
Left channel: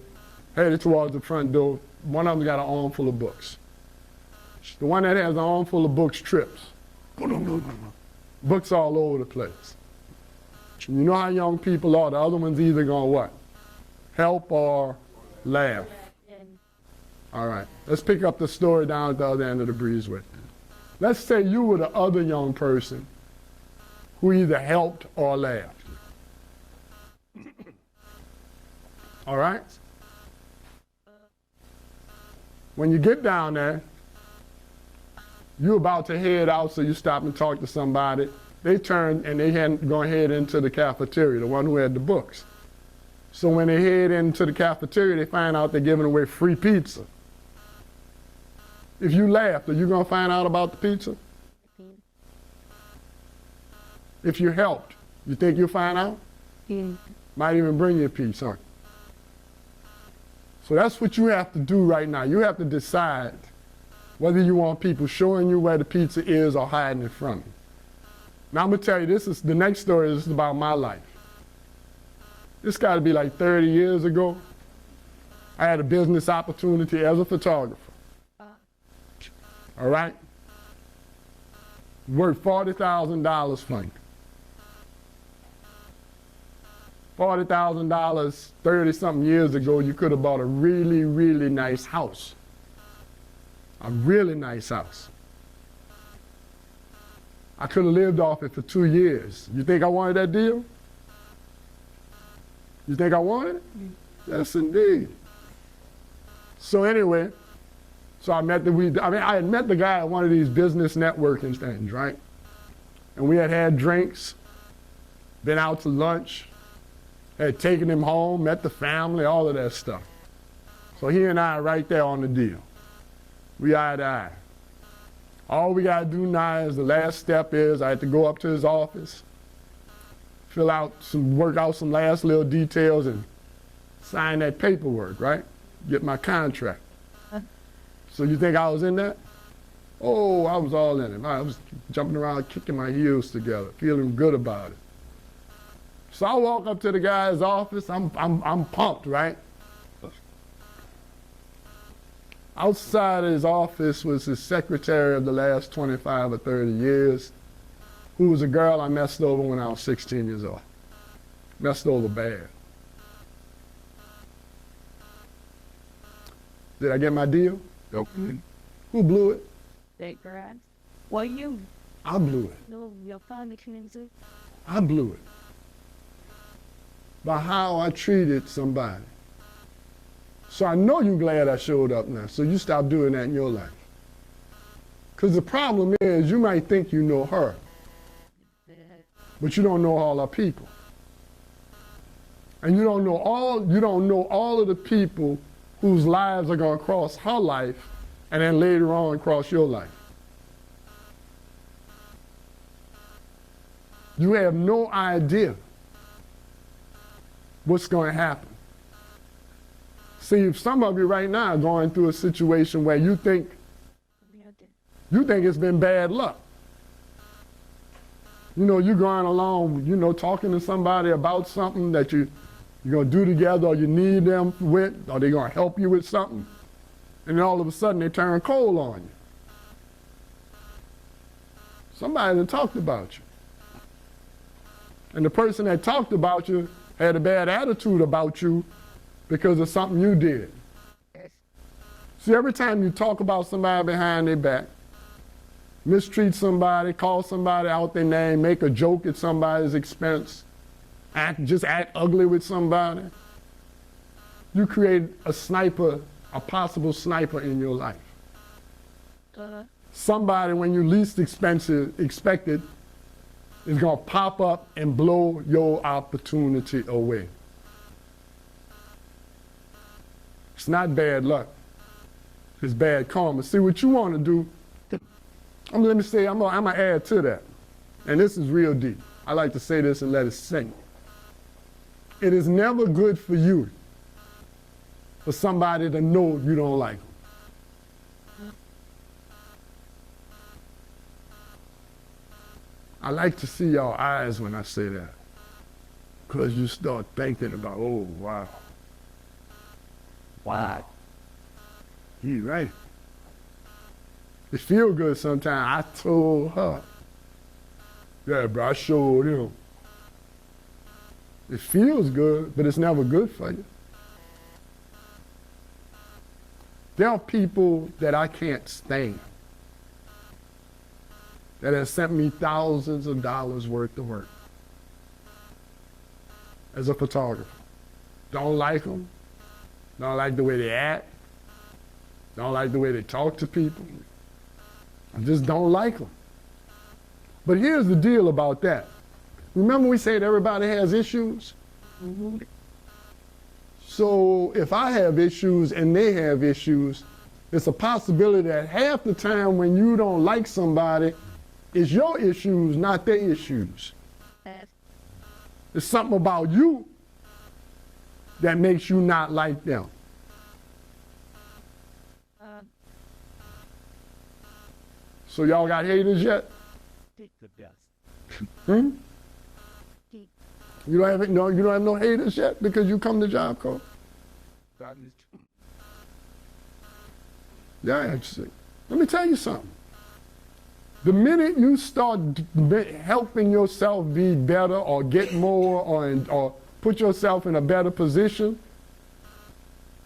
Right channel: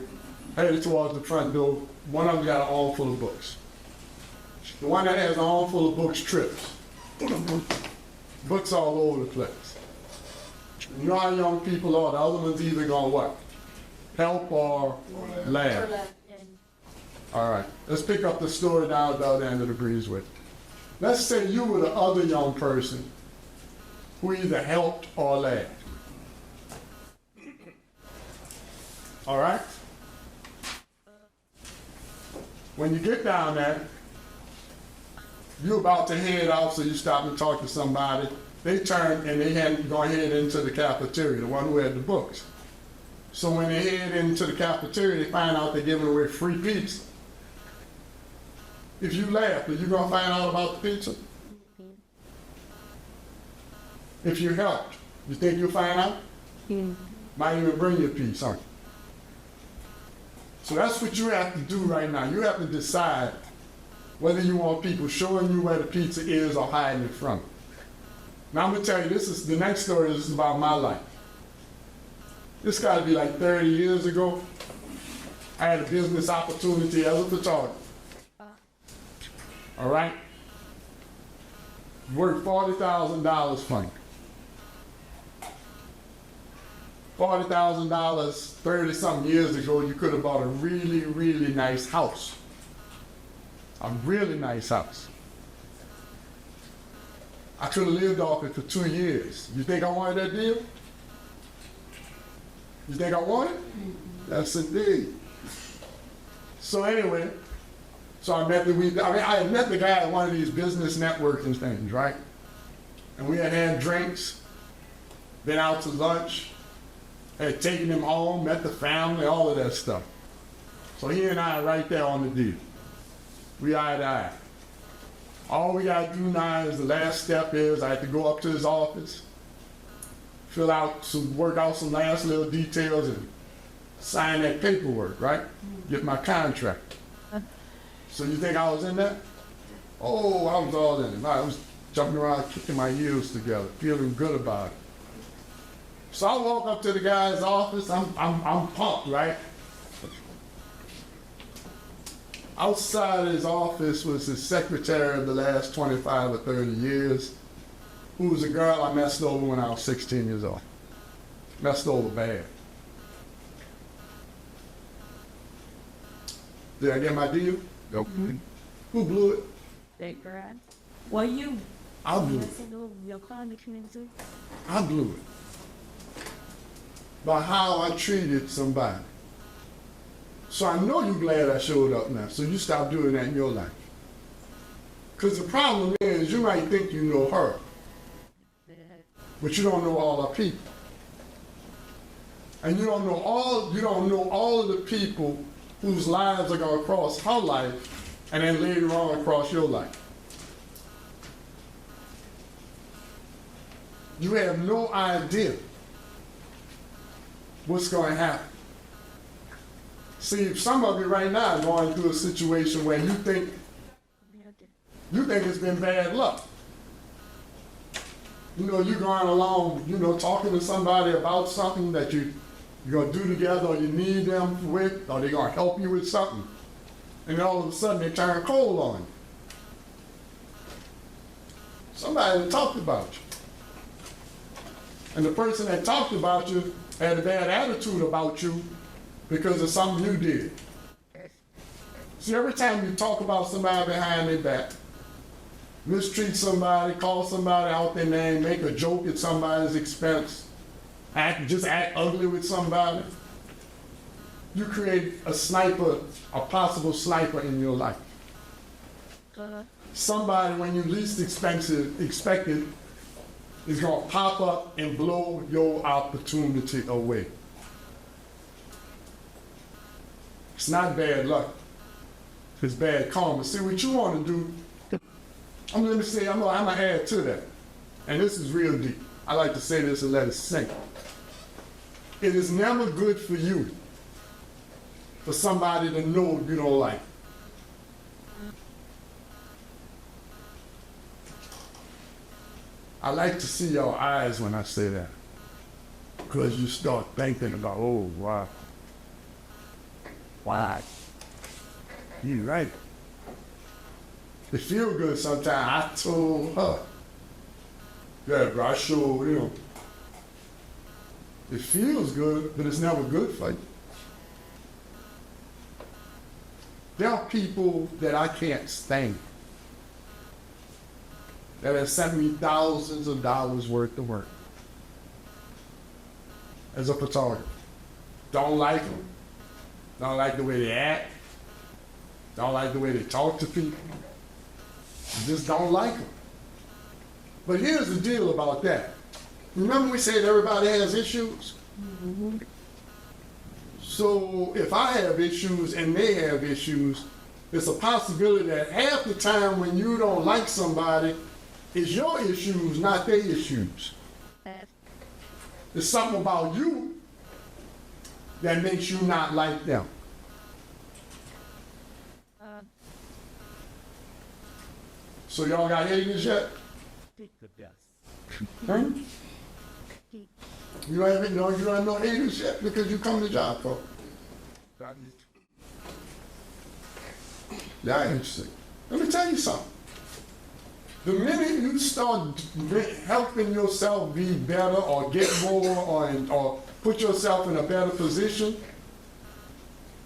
headed towards the front door. One of them got an armful of books. The one that has an armful of books trips. Books all over the place. You know how young people are. The other one's either gonna what? Help or laugh. All right, let's pick up the story down at the other end of the breezeway. Let's say you were the other young person who either helped or laughed. All right? When you get down there, you're about to head out, so you stop and talk to somebody. They turn and they had gone head into the cafeteria, the one who had the books. So when they head into the cafeteria, they find out they're giving away free pizza. If you laugh, are you gonna find out about the pizza? If you helped, you think you'll find out? Might even bring you a piece, aren't you? So that's what you have to do right now. You have to decide whether you want people showing you where the pizza is or hiding it from you. Now I'm gonna tell you, this is the next story is about my life. This gotta be like 30 years ago. I had a business opportunity as a photographer. All right? Worth $40,000 for me. $40,000, 30-something years ago, you could have bought a really, really nice house. A really nice house. I could have lived off it for 2 years. You think I wanted that deal? You think I wanted it? Yes, indeed. So anyway, I had met the guy at one of these business networking things, right? And we had drinks, been out to lunch, had taken him home, met the family, all of that stuff. So he and I are right there on the deal. We eye to eye. All we gotta do now is the last step is I have to go up to his office, work out some last little details and sign that paperwork, right? Get my contract. So you think I was in that? Oh, I was all in it. I was jumping around, kicking my heels together, feeling good about it. So I walk up to the guy's office, I'm pumped, right? Outside of his office was his secretary of the last 25 or 30 years, who was a girl I messed over when I was 16 years old. Messed over bad. Did I get my deal? Nope. Who blew it? They grabbed. Well, you. I blew it. I blew it. By how I treated somebody. So I know you're glad I showed up now, so you stop doing that in your life. Because the problem is you might think you know her, but you don't know all our people. And you don't know all of the people whose lives are going to cross her life and then later on across your life. You have no idea what's going to happen. See, some of you right now are going through a situation where you think it's been bad luck. You know, you're going along, talking to somebody about something that you're going to do together or you need them with, or they're going to help you with something. And then all of a sudden they turn cold on you. Somebody that talked about you. And the person that talked about you had a bad attitude about you because of something you did. See, every time you talk about somebody behind their back, mistreat somebody, call somebody out their name, make a joke at somebody's expense, just act ugly with somebody, you create a possible sniper in your life. Somebody, when you least expect it, is going to pop up and blow your opportunity away. It's not bad luck. It's bad karma. See, what you want to do, I'm going to add to that. And this is real deep. I like to say this and let it sink. It is never good for you for somebody to know you don't like. I like to see your eyes when I say that. Because you start thinking about, oh, wow. Why? You right. It feel good sometimes. I told her. Yeah, bro, I showed him. It feels good, but it's never good for you. There are people that I can't stand that have sent me thousands of dollars worth of work as a photographer. Don't like them. Don't like the way they act. Don't like the way they talk to people. Just don't like them. But here's the deal about that. Remember we said everybody has issues? Mm-hmm. So if I have issues and they have issues, it's a possibility that half the time when you don't like somebody, it's your issues, not their issues. It's something about you that makes you not like them. So y'all got haters yet? Huh? You don't have no haters yet because you come to Job Corps. Yeah, interesting. Let me tell you something. The minute you start helping yourself be better or get more or put yourself in a better position,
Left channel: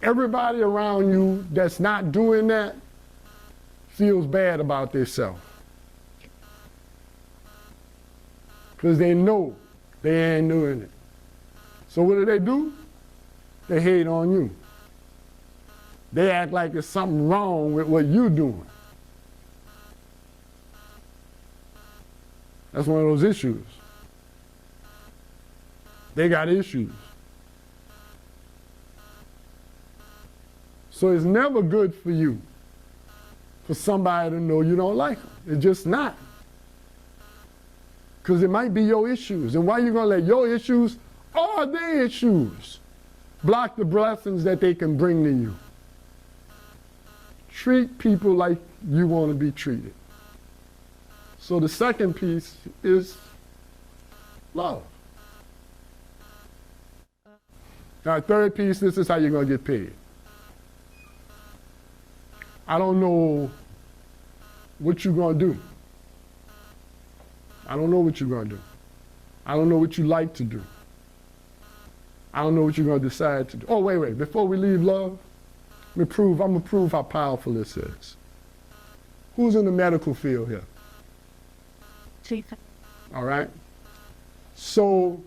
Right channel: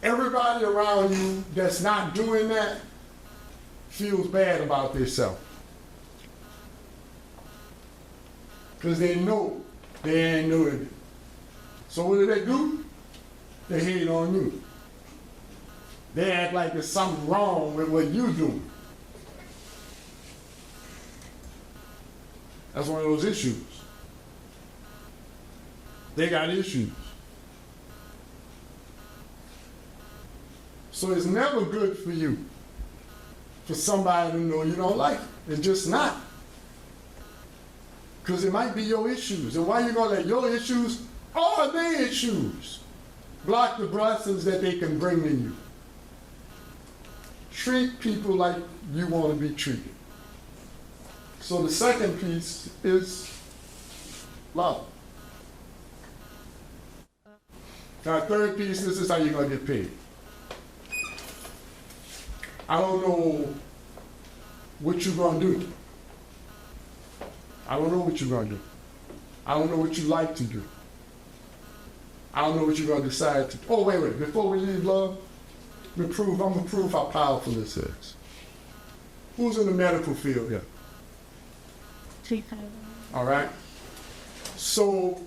everybody around you that's not doing that feels bad about themselves. Because they know they ain't doing it. So what do? They hate on you. They act like there's something wrong with what you doing. That's one of those issues. They got issues. So it's never good for you for somebody to know you don't like it. It's just not. Because it might be your issues. And why are you going to let your issues or their issues block the blessings that they can bring to you? Treat people like you want to be treated. So the second piece is love. Our third piece, this is how you're going to get paid. I don't know what you're going to do. I don't know what you're going to do. I don't know what you like to do. I don't know what you're going to decide to do. Oh, wait. Before we leave love, I'm going to prove how powerful this is. Who's in the medical field here? All right. So,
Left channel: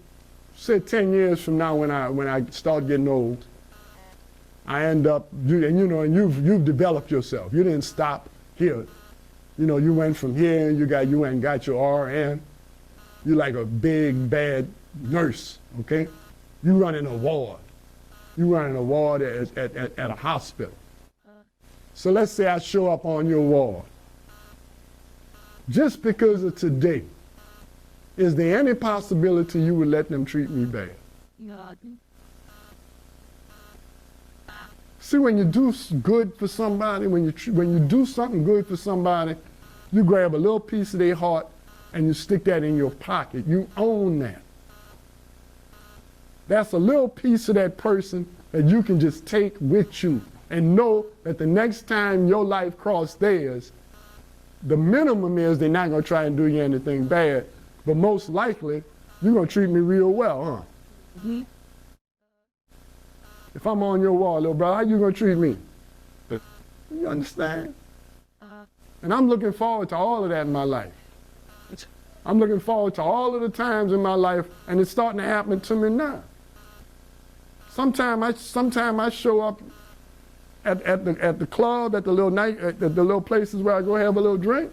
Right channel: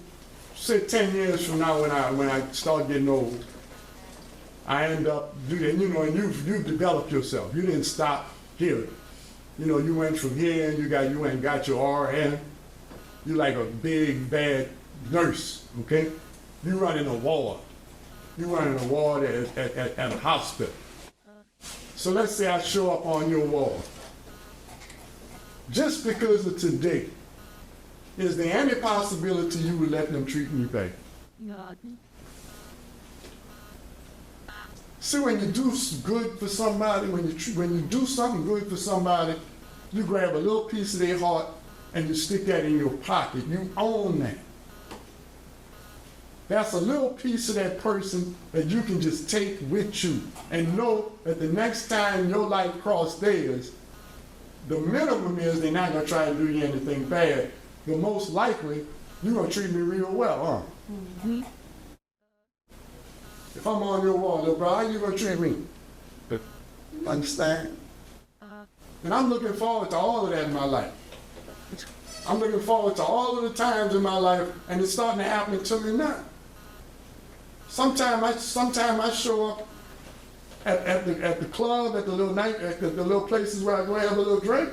say 10 years from now when I start getting old, I end up, and you've developed yourself. You didn't stop here. You went from here, you went and got your RN. You're like a big, bad nurse, okay? You running a ward. You running a ward at a hospital. So let's say I show up on your wall. Just because of today, is there any possibility you would let them treat me bad? See, when you do good for somebody, when you do something good for somebody, you grab a little piece of their heart and you stick that in your pocket. You own that. That's a little piece of that person that you can just take with you and know that the next time your life crosses theirs, the minimum is they're not going to try and do you anything bad, but most likely you're going to treat me real well, huh? Mm-hmm. If I'm on your wall, little bro, how you going to treat me? You understand? And I'm looking forward to all of that in my life. I'm looking forward to all of the times in my life, and it's starting to happen to me now. Sometimes I show up at the club, at the little places where I go have a little drink,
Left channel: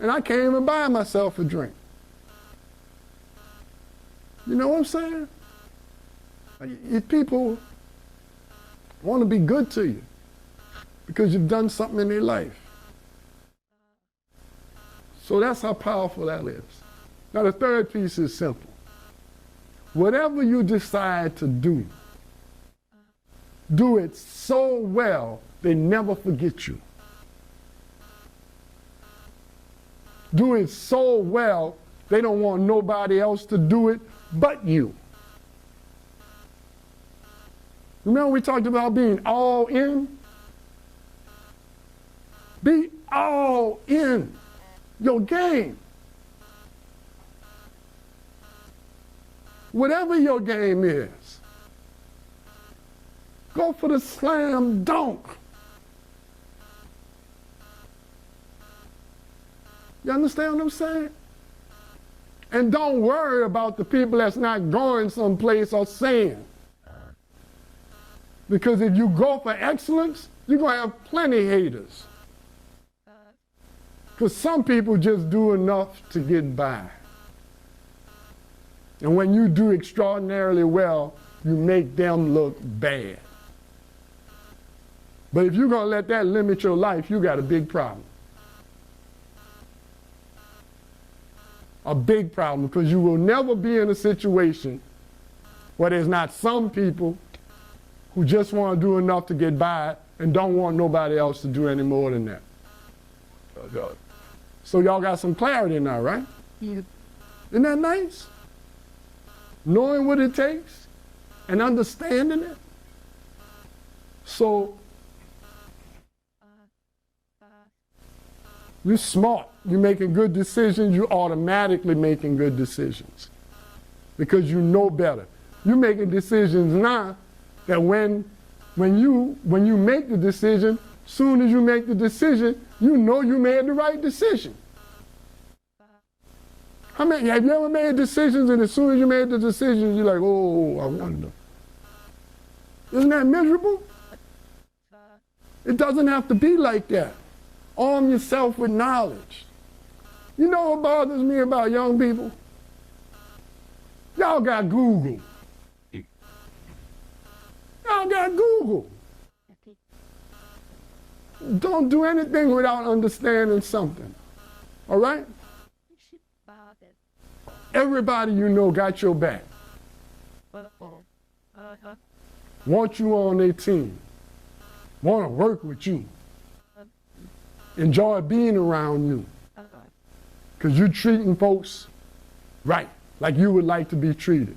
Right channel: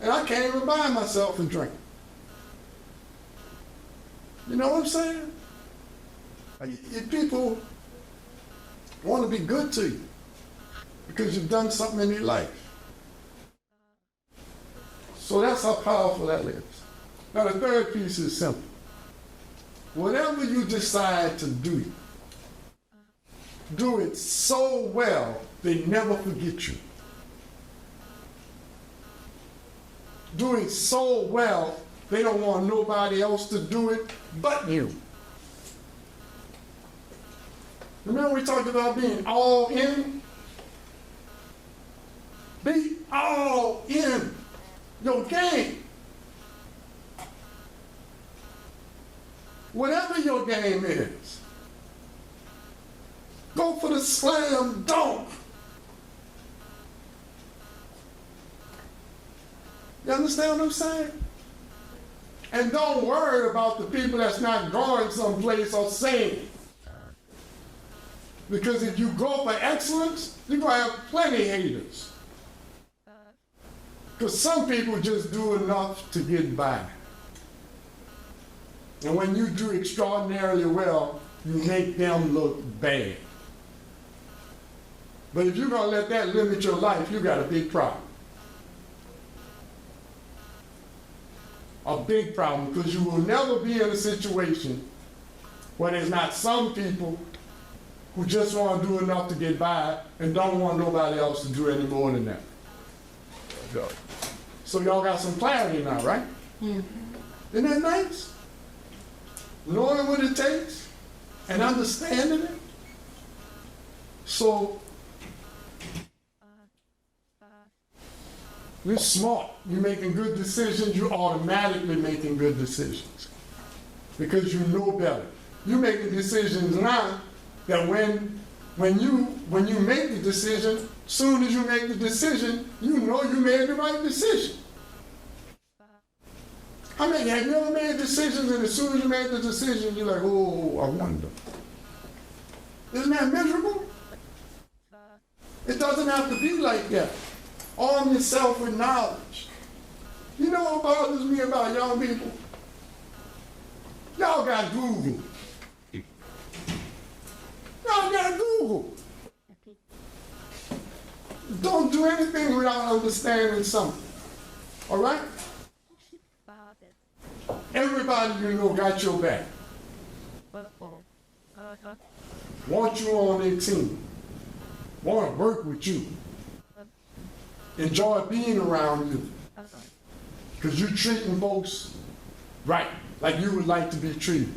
and I can't even buy myself a drink. You know what I'm saying? If people want to be good to you because you've done something in their life. So that's how powerful that is. Now the third piece is simple. Whatever you decide to do it so well they never forget you. Do it so well They don't want nobody else to do it but you. Remember we talked about being all in? Be all in your game. Whatever your game is, go for the slam dunk. You understand what I'm saying? And don't worry about the people that's not going someplace or saying. Because if you go for excellence, you're going to have plenty of haters. Because some people just do enough to get by. And when you do extraordinarily well, you make them look bad. But if you're going to let that limit your life, you got a big problem. A big problem, because you will never be in a situation where there's not some people who just want to do enough to get by and don't want nobody else to do any more than that. So y'all got some clarity now, right? Yeah. Isn't that nice? Knowing what it takes and understanding it. So you're smart. You're making good decisions. You're automatically making good decisions because you know better. You're making decisions now that when you make the decision, soon as you make the decision, you know you made the right decision. Have you ever made decisions and as soon as you made the decision, you're like, oh, I wonder. Isn't that miserable? It doesn't have to be like that. Arm yourself with knowledge. You know what bothers me about young people? Y'all got Google. Y'all got Google. Don't do anything without understanding something. All right? Everybody you know got your back. Want you on their team. Want to work with you. Enjoy being around you. Because you're treating folks right, like you would like to be treated.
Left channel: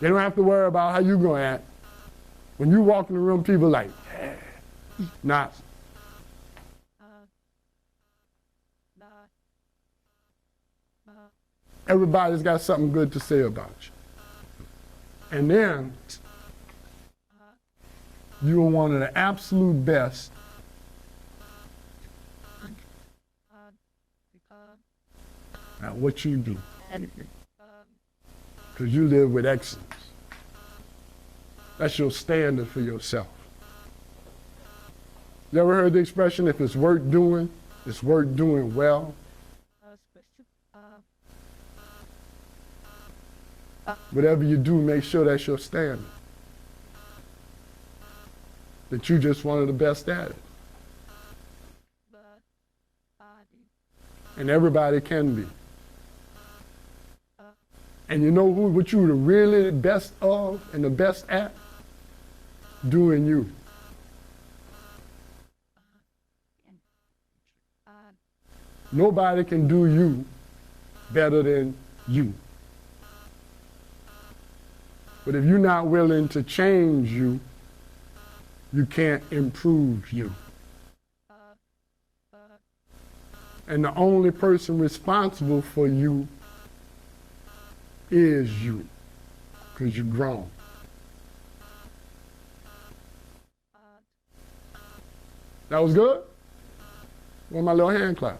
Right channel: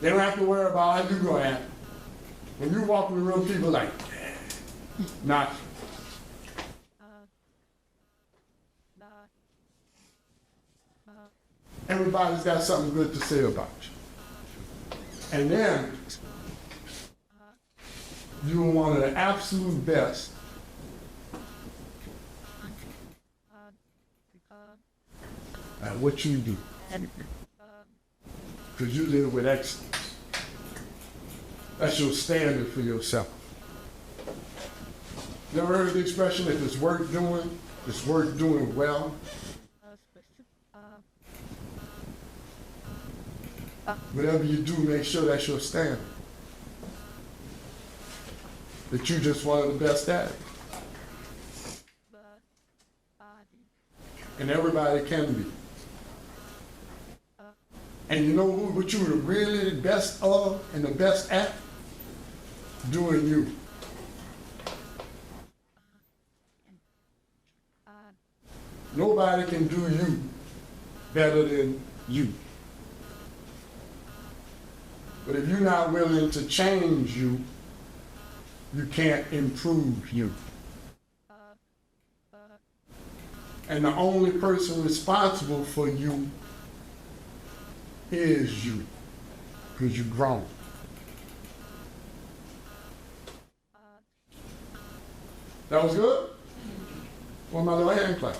They don't have to worry about how you're going to act. When you walk in the room, people like, not. Everybody's got something good to say about you. And then, you're one of the absolute best at what you do. Because you live with excellence. That's your standard for yourself. You ever heard the expression, if it's worth doing, it's worth doing well? Whatever you do, make sure that's your standard. That you're just one of the best at it. And everybody can be. And you know what you were really the best of and the best at? Doing you. Nobody can do you better than you. But if you're not willing to change you, you can't improve you. And the only person responsible for you is you, because you're grown. That was good? Well, my little hand clap.